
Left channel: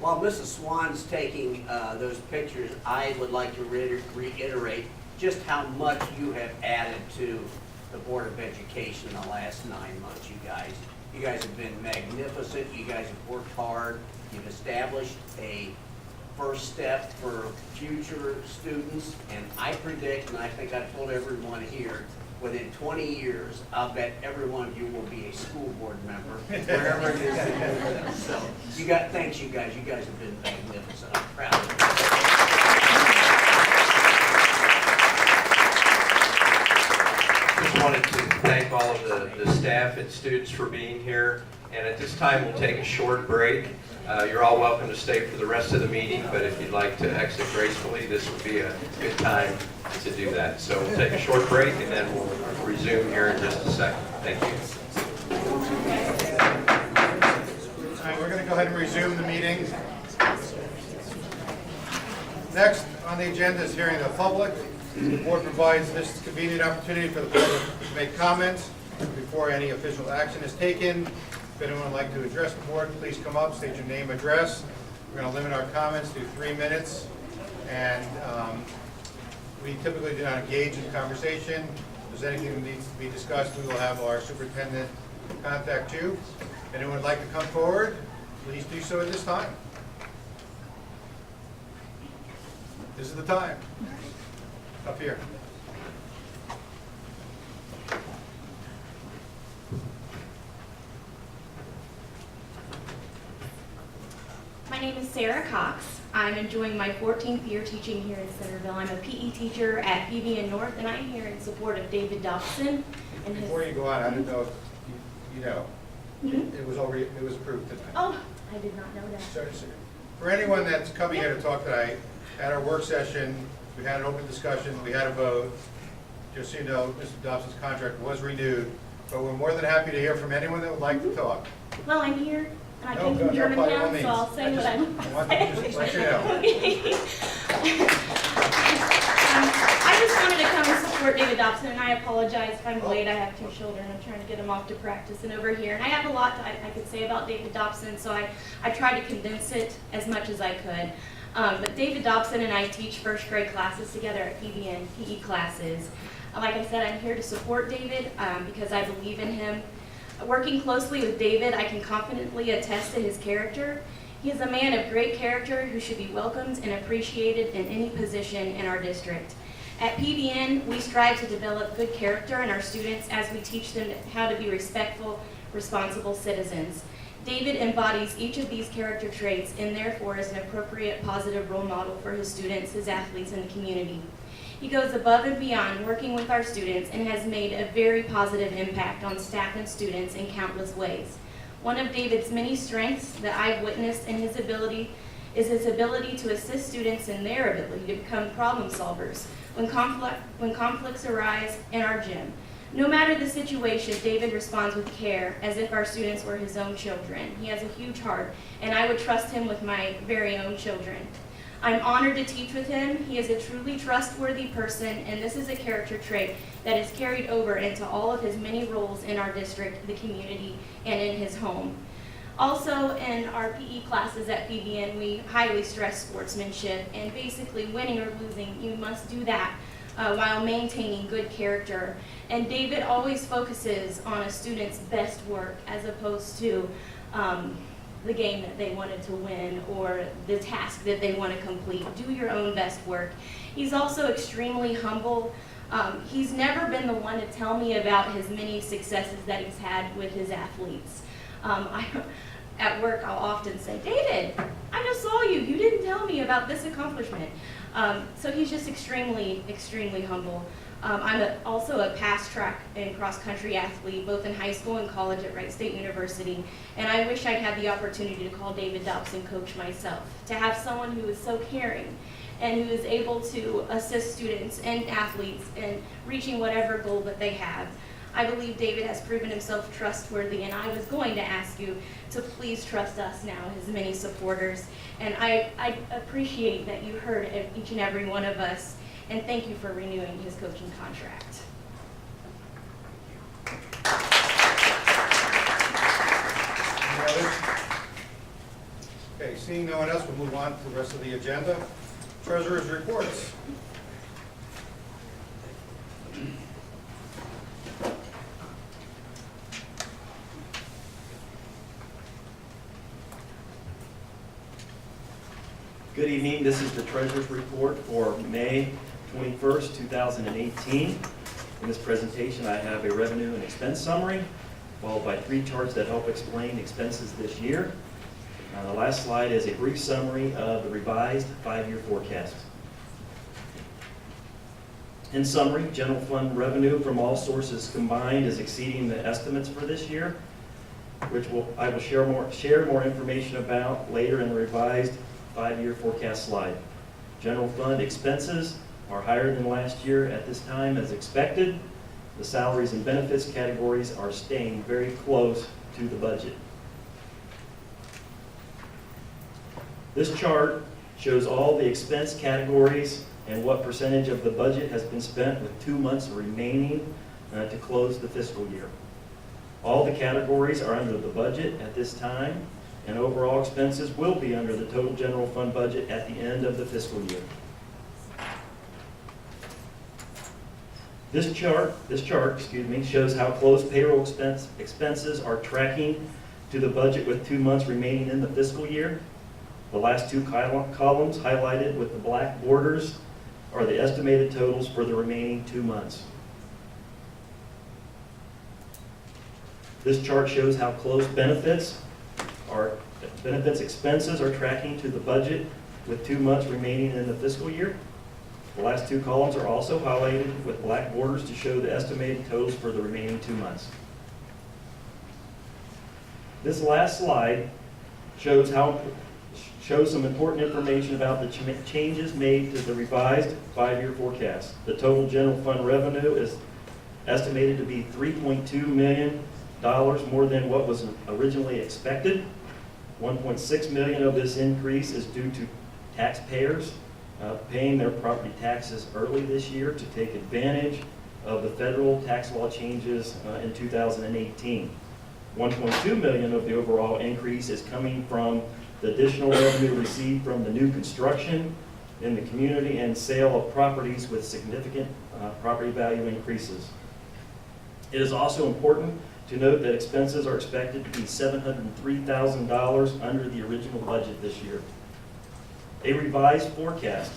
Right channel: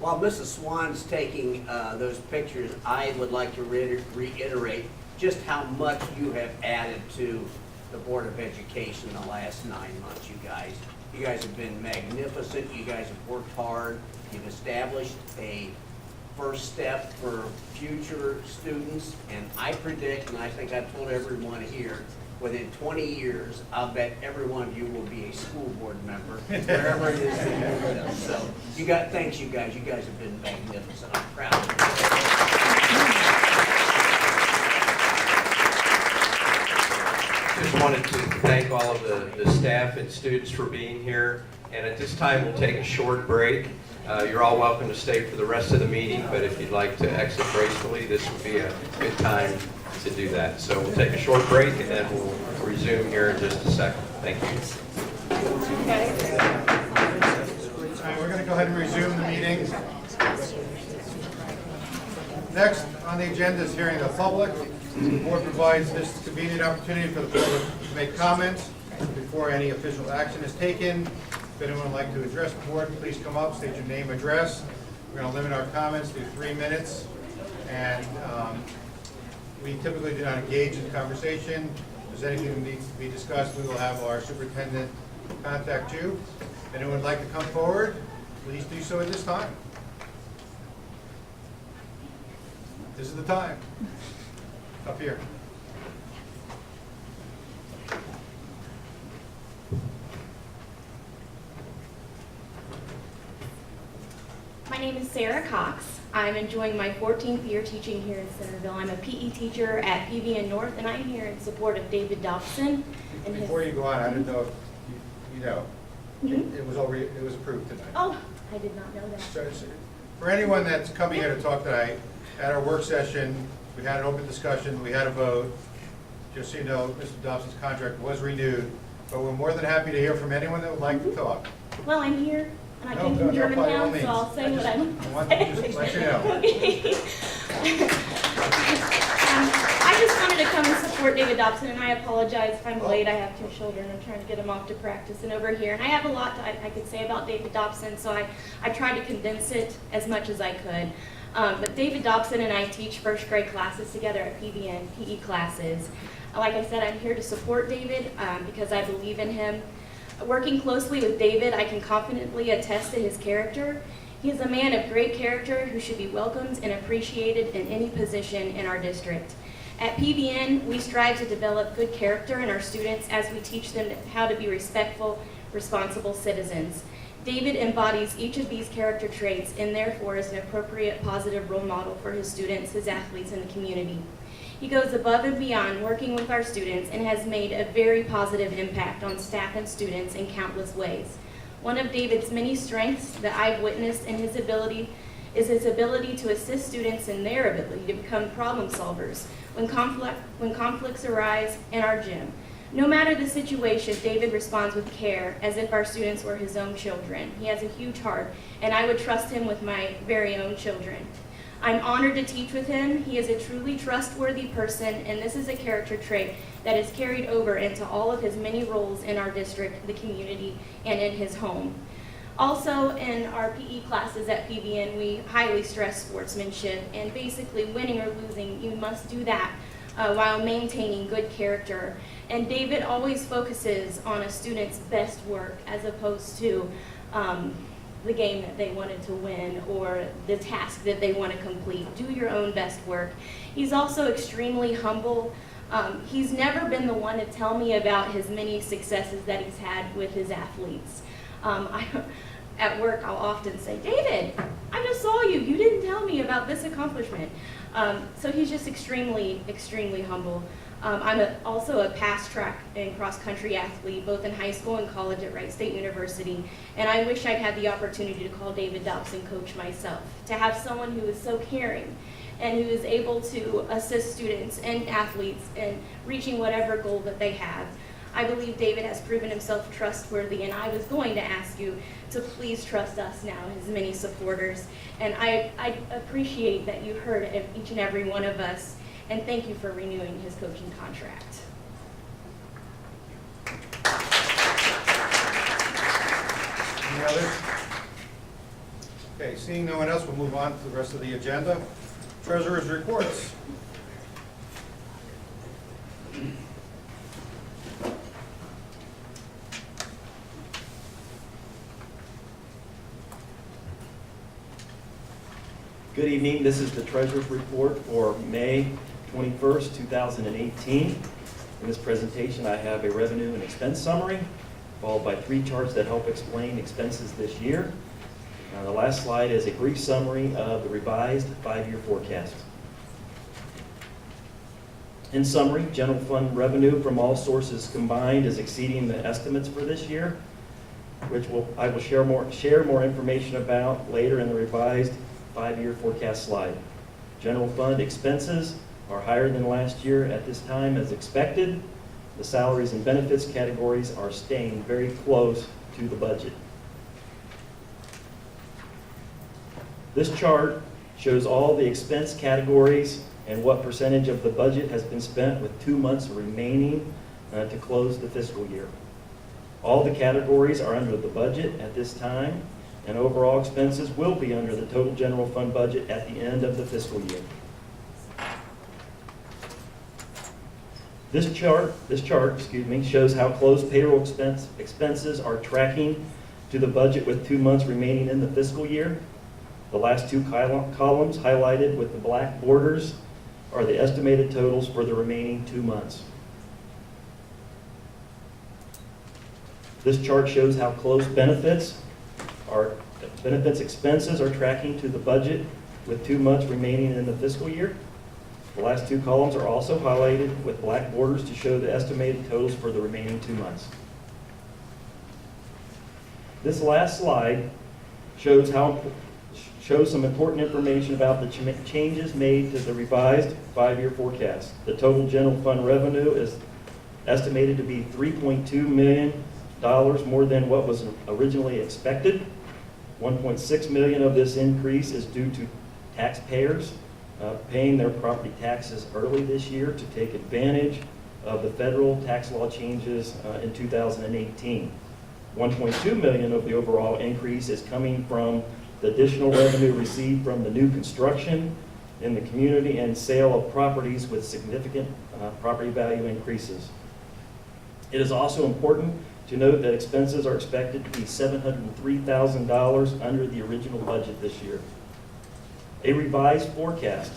While Mrs. Swan's taking those pictures, I would like to reiterate just how much you have added to the Board of Education in the last 9 months, you guys. You guys have been magnificent. You guys have worked hard. You've established a first step for future students, and I predict, and I think I've told everyone here, within 20 years, I'll bet every one of you will be a school board member, wherever it is that you live. So, thanks you guys. You guys have been magnificent. I'm proud of you. Just wanted to thank all of the staff and students for being here. And at this time, we'll take a short break. You're all welcome to stay for the rest of the meeting, but if you'd like to exit gracefully, this would be a good time to do that. So we'll take a short break, and then we'll resume here in just a second. Thank you. All right, we're going to go ahead and resume the meeting. Next on the agenda is hearing the public. The board provides this convenient opportunity for the public to make comments before any official action is taken. If anyone would like to address the board, please come up, state your name, address. We're going to limit our comments to 3 minutes, and we typically do not engage in conversation. If there's anything that needs to be discussed, we will have our superintendent contact you. If anyone would like to come forward, please do so at this time. This is the time. Up here. My name is Sarah Cox. I'm enjoying my 14th year teaching here in Centerville. I'm a PE teacher at PVN North, and I'm here in support of David Dobson. And Before you go on, I didn't know if you know, it was approved tonight. Oh, I did not know that. So, for anyone that's coming here to talk tonight, at our work session, we had an open discussion, we had a vote. Just so you know, Mr. Dobson's contract was renewed, but we're more than happy to hear from anyone that would like to talk. Well, I'm here, and I No, came no, from no, by all Germantown, means. so I'll say what I want to just let you know. Okay. I just wanted to come and support David Dobson, and I apologize if I'm late. I have 2 children. I'm trying to get them off to practice and over here. And I have a lot I could say about David Dobson, so I tried to condense it as much as I could. But David Dobson and I teach first grade classes together at PVN, PE classes. Like I said, I'm here to support David because I believe in him. Working closely with David, I can confidently attest to his character. He is a man of great character who should be welcomed and appreciated in any position in our district. At PVN, we strive to develop good character in our students as we teach them how to be respectful, responsible citizens. David embodies each of these character traits and therefore is an appropriate positive role model for his students, his athletes, and the community. He goes above and beyond working with our students and has made a very positive impact on staff and students in countless ways. One of David's many strengths that I've witnessed in his ability is his ability to assist students in their ability to become problem solvers when conflicts arise in our gym. No matter the situation, David responds with care as if our students were his own children. He has a huge heart, and I would trust him with my very own children. I'm honored to teach with him. He is a truly trustworthy person, and this is a character trait that is carried over into all of his many roles in our district, the community, and in his home. Also, in our PE classes at PBN, we highly stress sportsmanship, and basically winning or losing, you must do that while maintaining good character. And David always focuses on a student's best work as opposed to the game that they wanted to win or the task that they want to complete. Do your own best work. He's also extremely humble. He's never been the one to tell me about his many successes that he's had with his athletes. At work, I'll often say, David, I just saw you. You didn't tell me about this accomplishment. So he's just extremely, extremely humble. I'm also a past track and cross country athlete, both in high school and college at Wright State University. And I wish I'd had the opportunity to call David Dobson coach myself, to have someone who is so caring and who is able to assist students and athletes in reaching whatever goal that they have. I believe David has proven himself trustworthy, and I was going to ask you to please trust us now, his many supporters. And I appreciate that you heard each and every one of us, and thank you for renewing his coaching contract. Any others? Okay, seeing no one else, we'll move on to the rest of the agenda. Treasurer's reports. Good evening. This is the Treasurer's Report for May 21st, 2018. In this presentation, I have a revenue and expense summary, followed by 3 charts that help explain expenses this year. The last slide is a brief summary of the revised 5-year forecast. In summary, general fund revenue from all sources combined is exceeding the estimates for this year, which I will share more information about later in the revised 5-year forecast slide. General fund expenses are higher than last year at this time as expected. The salaries and benefits categories are staying very close to the budget. This chart shows all the expense categories and what percentage of the budget has been spent with 2 months remaining to close the fiscal year. All the categories are under the budget at this time, and overall expenses will be under the total general fund budget at the end of the fiscal year. This chart, shows how close payroll expenses are tracking to the budget with 2 months remaining in the fiscal year. The last 2 columns highlighted with the black borders are the estimated totals for the remaining 2 months. This chart shows how close benefits expenses are tracking to the budget with 2 months remaining in the fiscal year. The last 2 columns are also highlighted with black borders to show the estimated totals for the remaining 2 months. This last slide shows some important information about the changes made to the revised 5-year forecast. The total general fund revenue is estimated to be $3.2 million more than what was originally expected. $1.6 million of this increase is due to taxpayers paying their property taxes early this year to take advantage of the federal tax law changes in 2018. $1.2 million of the overall increase is coming from the additional revenue received from the new construction in the community and sale of properties with significant property value increases. It is also important to note that expenses are expected to be $703,000 under the original budget this year. A revised forecast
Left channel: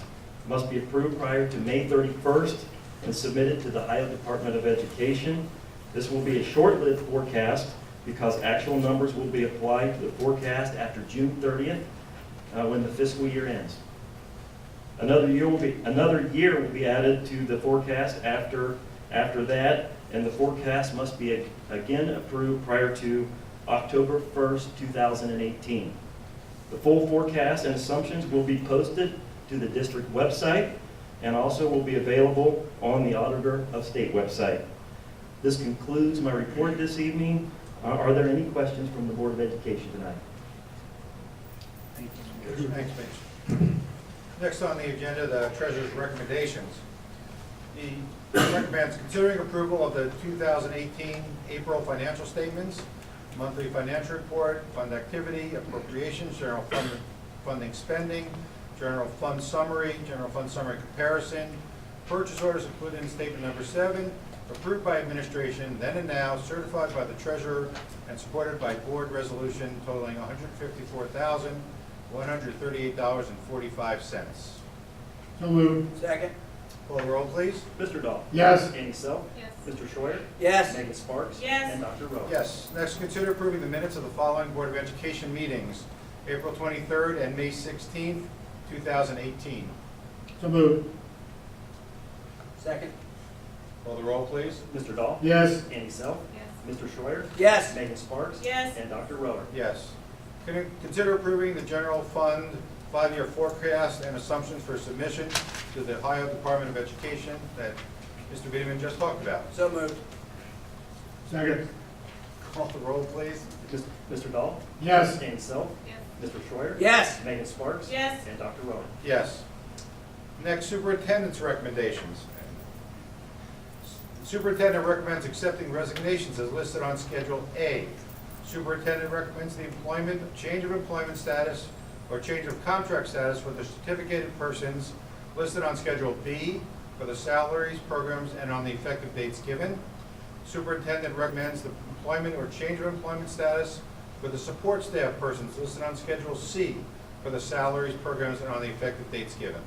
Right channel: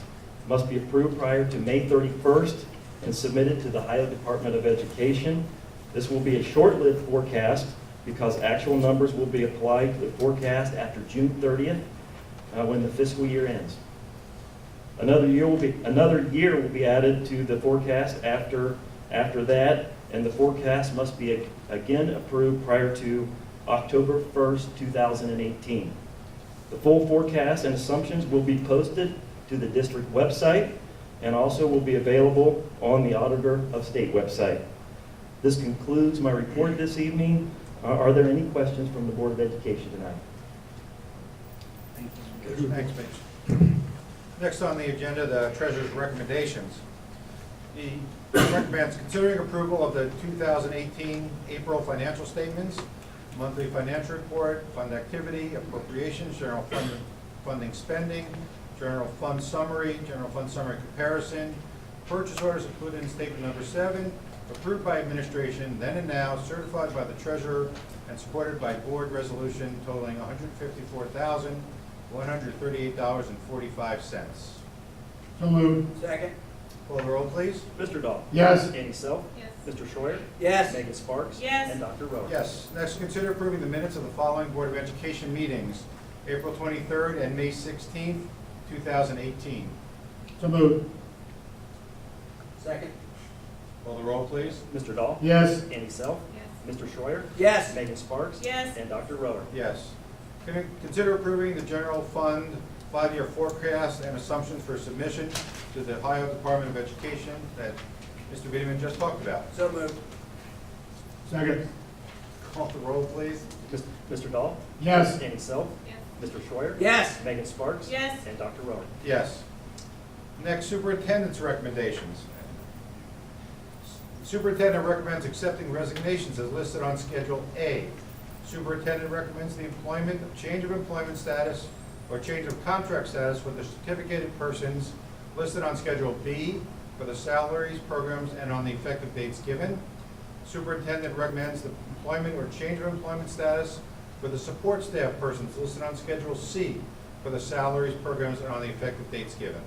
must be approved prior to May 31st and submitted to the Ohio Department of Education. This will be a short-lived forecast because actual numbers will be applied to the forecast after June 30th, when the fiscal year ends. Another year will be added to the forecast after that, and the forecast must be again approved prior to October 1st, 2018. The full forecast and assumptions will be posted to the district website and also will be available on the Auditor of State website. This concludes my report this evening. Are there any questions from the Board of Education tonight? Thanks, Mitch. Next on the agenda, the treasurer's recommendations. He recommends considering approval of the 2018 April financial statements, monthly financial report, fund activity, appropriations, general fund funding spending, general fund summary comparison, purchase orders included in statement number 7, approved by administration, then and now, certified by the treasurer, and supported by board resolution totaling $154,138.45. So moved. Second? Call the roll, please. Mr. Dahl? Yes. Annie Self? Yes. Mr. Schroyer? Yes. Megan Sparks? Yes. And Dr. Rowe? Yes. Next, consider approving the minutes of the following Board of Education meetings, April 23rd and May 16th, 2018. So moved. Second? Call the roll, please. Mr. Dahl? Yes. Annie Self? Yes. Mr. Schroyer? Yes. Megan Sparks? Yes. And Dr. Rowe? Yes. Consider approving the general fund 5-year forecast and assumptions for submission to the Ohio Department of Education that Mr. Wiedemann just talked about. So moved. Second. Call the roll, please. Mr. Dahl? Yes. Annie Self? Yes. Mr. Schroyer? Yes. Megan Sparks? Yes. And Dr. Rowe? Yes. Next, superintendent's recommendations. The superintendent recommends accepting resignations as listed on Schedule A. Superintendent recommends the employment, change of employment status, or change of contract status for the certificated persons listed on Schedule B for the salaries, programs, and on the effective dates given. Superintendent recommends the employment or change of employment status for the support staff persons listed on Schedule C for the salaries, programs, and on the effective dates given.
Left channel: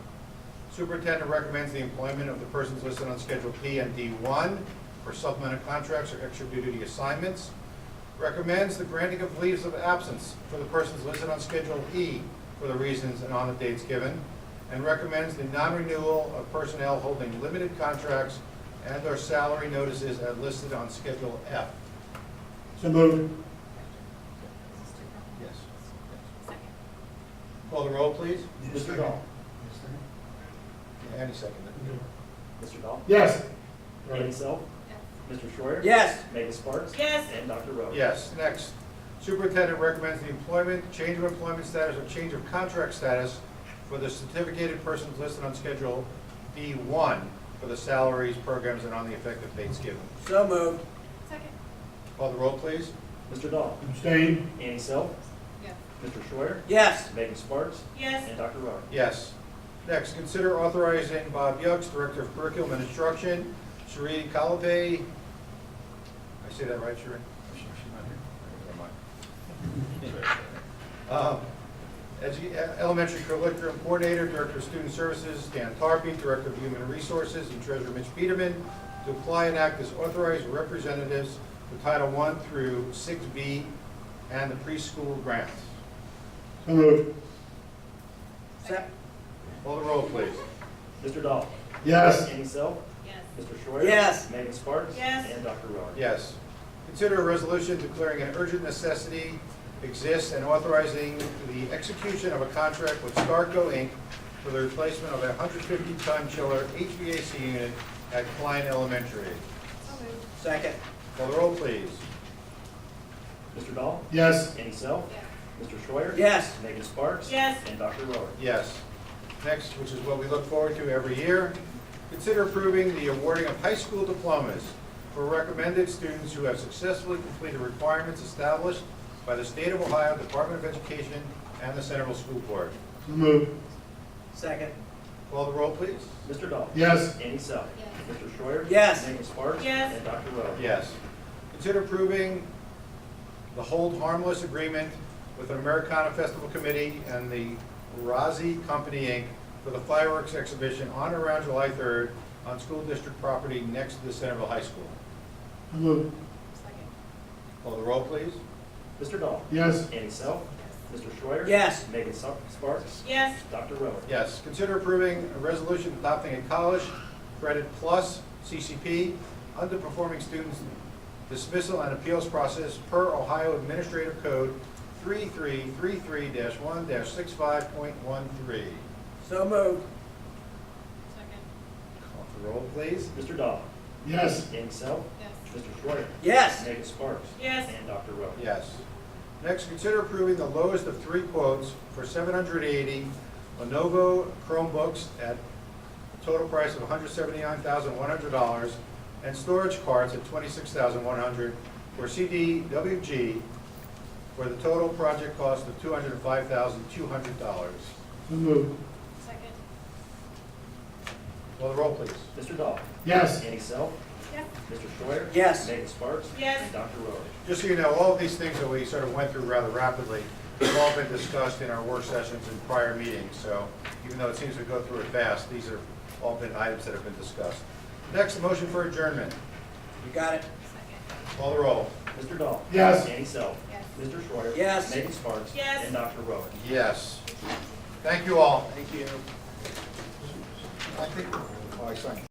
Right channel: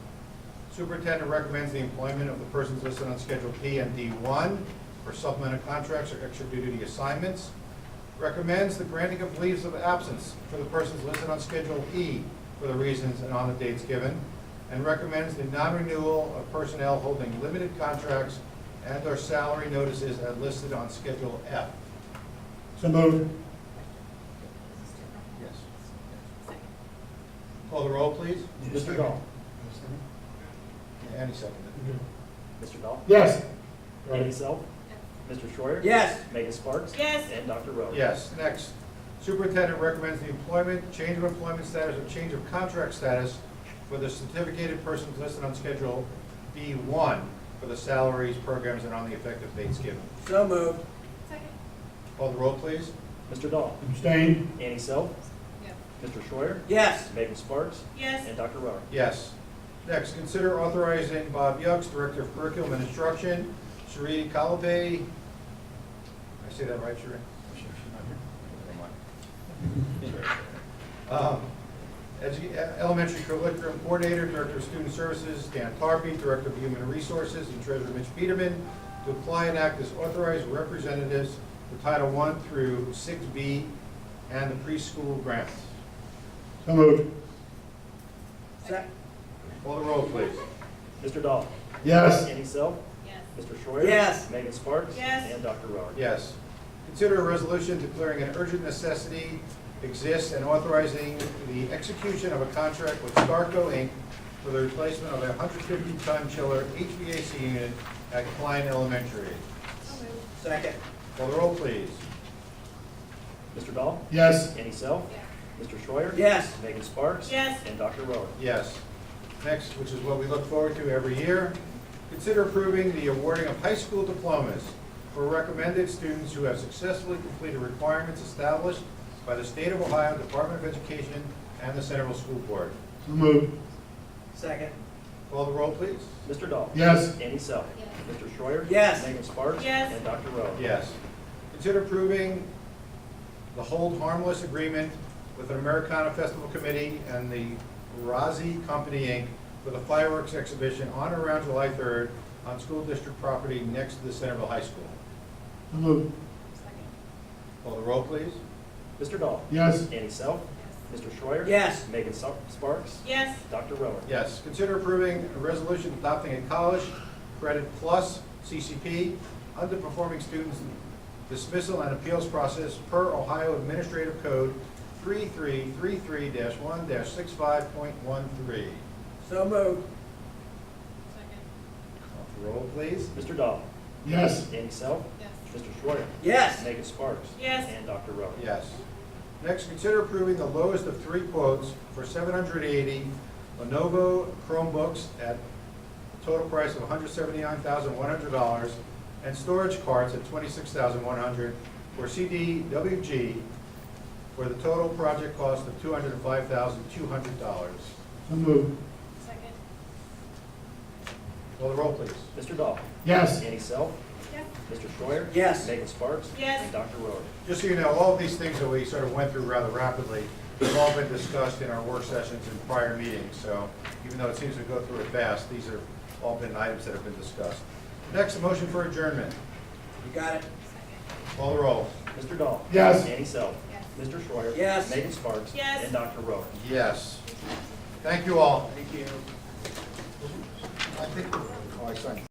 Superintendent recommends the employment of the persons listed on Schedule P and D1 for supplemental contracts or extra duty assignments. Recommends the granting of leaves of absence for the persons listed on Schedule E for the reasons and on the dates given, and recommends the non-renewal of personnel holding limited contracts and/or salary notices as listed on Schedule F. So moved. Yes. Second. Call the roll, please. Mr. Dahl? Yeah, Annie seconded. Mr. Dahl? Yes. Annie Self? Yes. Mr. Schroyer? Yes. Megan Sparks? Yes. And Dr. Rowe? Yes. Next, superintendent recommends the employment, change of employment status, or change of contract status for the certificated persons listed on Schedule B1 for the salaries, programs, and on the effective dates given. So moved. Second. Call the roll, please. Mr. Dahl? Abstain. Annie Self? Yes. Mr. Schroyer? Yes. Megan Sparks? Yes. And Dr. Rowe? Yes. Next, consider authorizing Bob Yucks, Director of Curriculum and Instruction, Sheree Calavay. I say that right, Sheree? She's not here. Never mind. Elementary Curriculum Coordinator, Director of Student Services, Dan Tarpey, Director of Human Resources, and Treasurer Mitch Biederman, to apply and act as authorized representatives for Title I through 6B and the preschool grants. So moved. Second? Call the roll, please. Mr. Dahl? Yes. Annie Self? Yes. Mr. Schroyer? Yes. Megan Sparks? Yes. And Dr. Rowe? Yes. Consider a resolution declaring an urgent necessity exists and authorizing the execution of a contract with Starco, Inc. for the replacement of a 150-ton chiller HVAC unit at Klein Elementary. So moved. Second? Call the roll, please. Mr. Dahl? Yes. Annie Self? Yes. Mr. Schroyer? Yes. Megan Sparks? Yes. And Dr. Rowe? Yes. Next, which is what we look forward to every year, consider approving the awarding of high school diplomas for recommended students who have successfully completed requirements established by the State of Ohio Department of Education and the Central School Board. So moved. Second? Call the roll, please. Mr. Dahl? Yes. Annie Self? Yes. Mr. Schroyer? Yes. Megan Sparks? Yes. And Dr. Rowe? Yes. Consider approving the hold harmless agreement with an Americana Festival Committee and the Razi Company, Inc. for the fireworks exhibition on or around July 3rd on school district property next to the Centerville High School. So moved. Second. Call the roll, please. Mr. Dahl? Yes. Annie Self? Mr. Schreier? Yes. Megan Sparks? Yes. Dr. Rohr? Yes. Consider approving a resolution adopting a college credit plus CCP underperforming students dismissal and appeals process per Ohio Administrative Code 3333-1-65.13. So moved. Call the roll, please. Mr. Dahl? Yes. Annie Self? Yes. Mr. Schreier? Yes. Megan Sparks? Yes. And Dr. Rohr? Yes. Next, consider approving the lowest of 3 quotes for 780 Lenovo Chromebooks at a total price of $179,100 and storage carts at $26,100 for CDWG for the total project cost of $205,200. So moved. Second. Call the roll, please. Mr. Dahl? Yes. Annie Self? Yes. Mr. Schreier? Yes. Megan Sparks? Yes. And Dr. Rohr? Just so you know, all of these things that we sort of went through rather rapidly have all been discussed in our work sessions and prior meetings. So even though it seems to go through it fast, these have all been items that have been discussed. Next, a motion for adjournment. You got it? Call the roll. Mr. Dahl? Yes. Annie Self? Yes. Mr. Schreier? Yes. Megan Sparks? Yes. And Dr. Rohr? Yes. Thank you all. Thank you. I think, oh, I signed.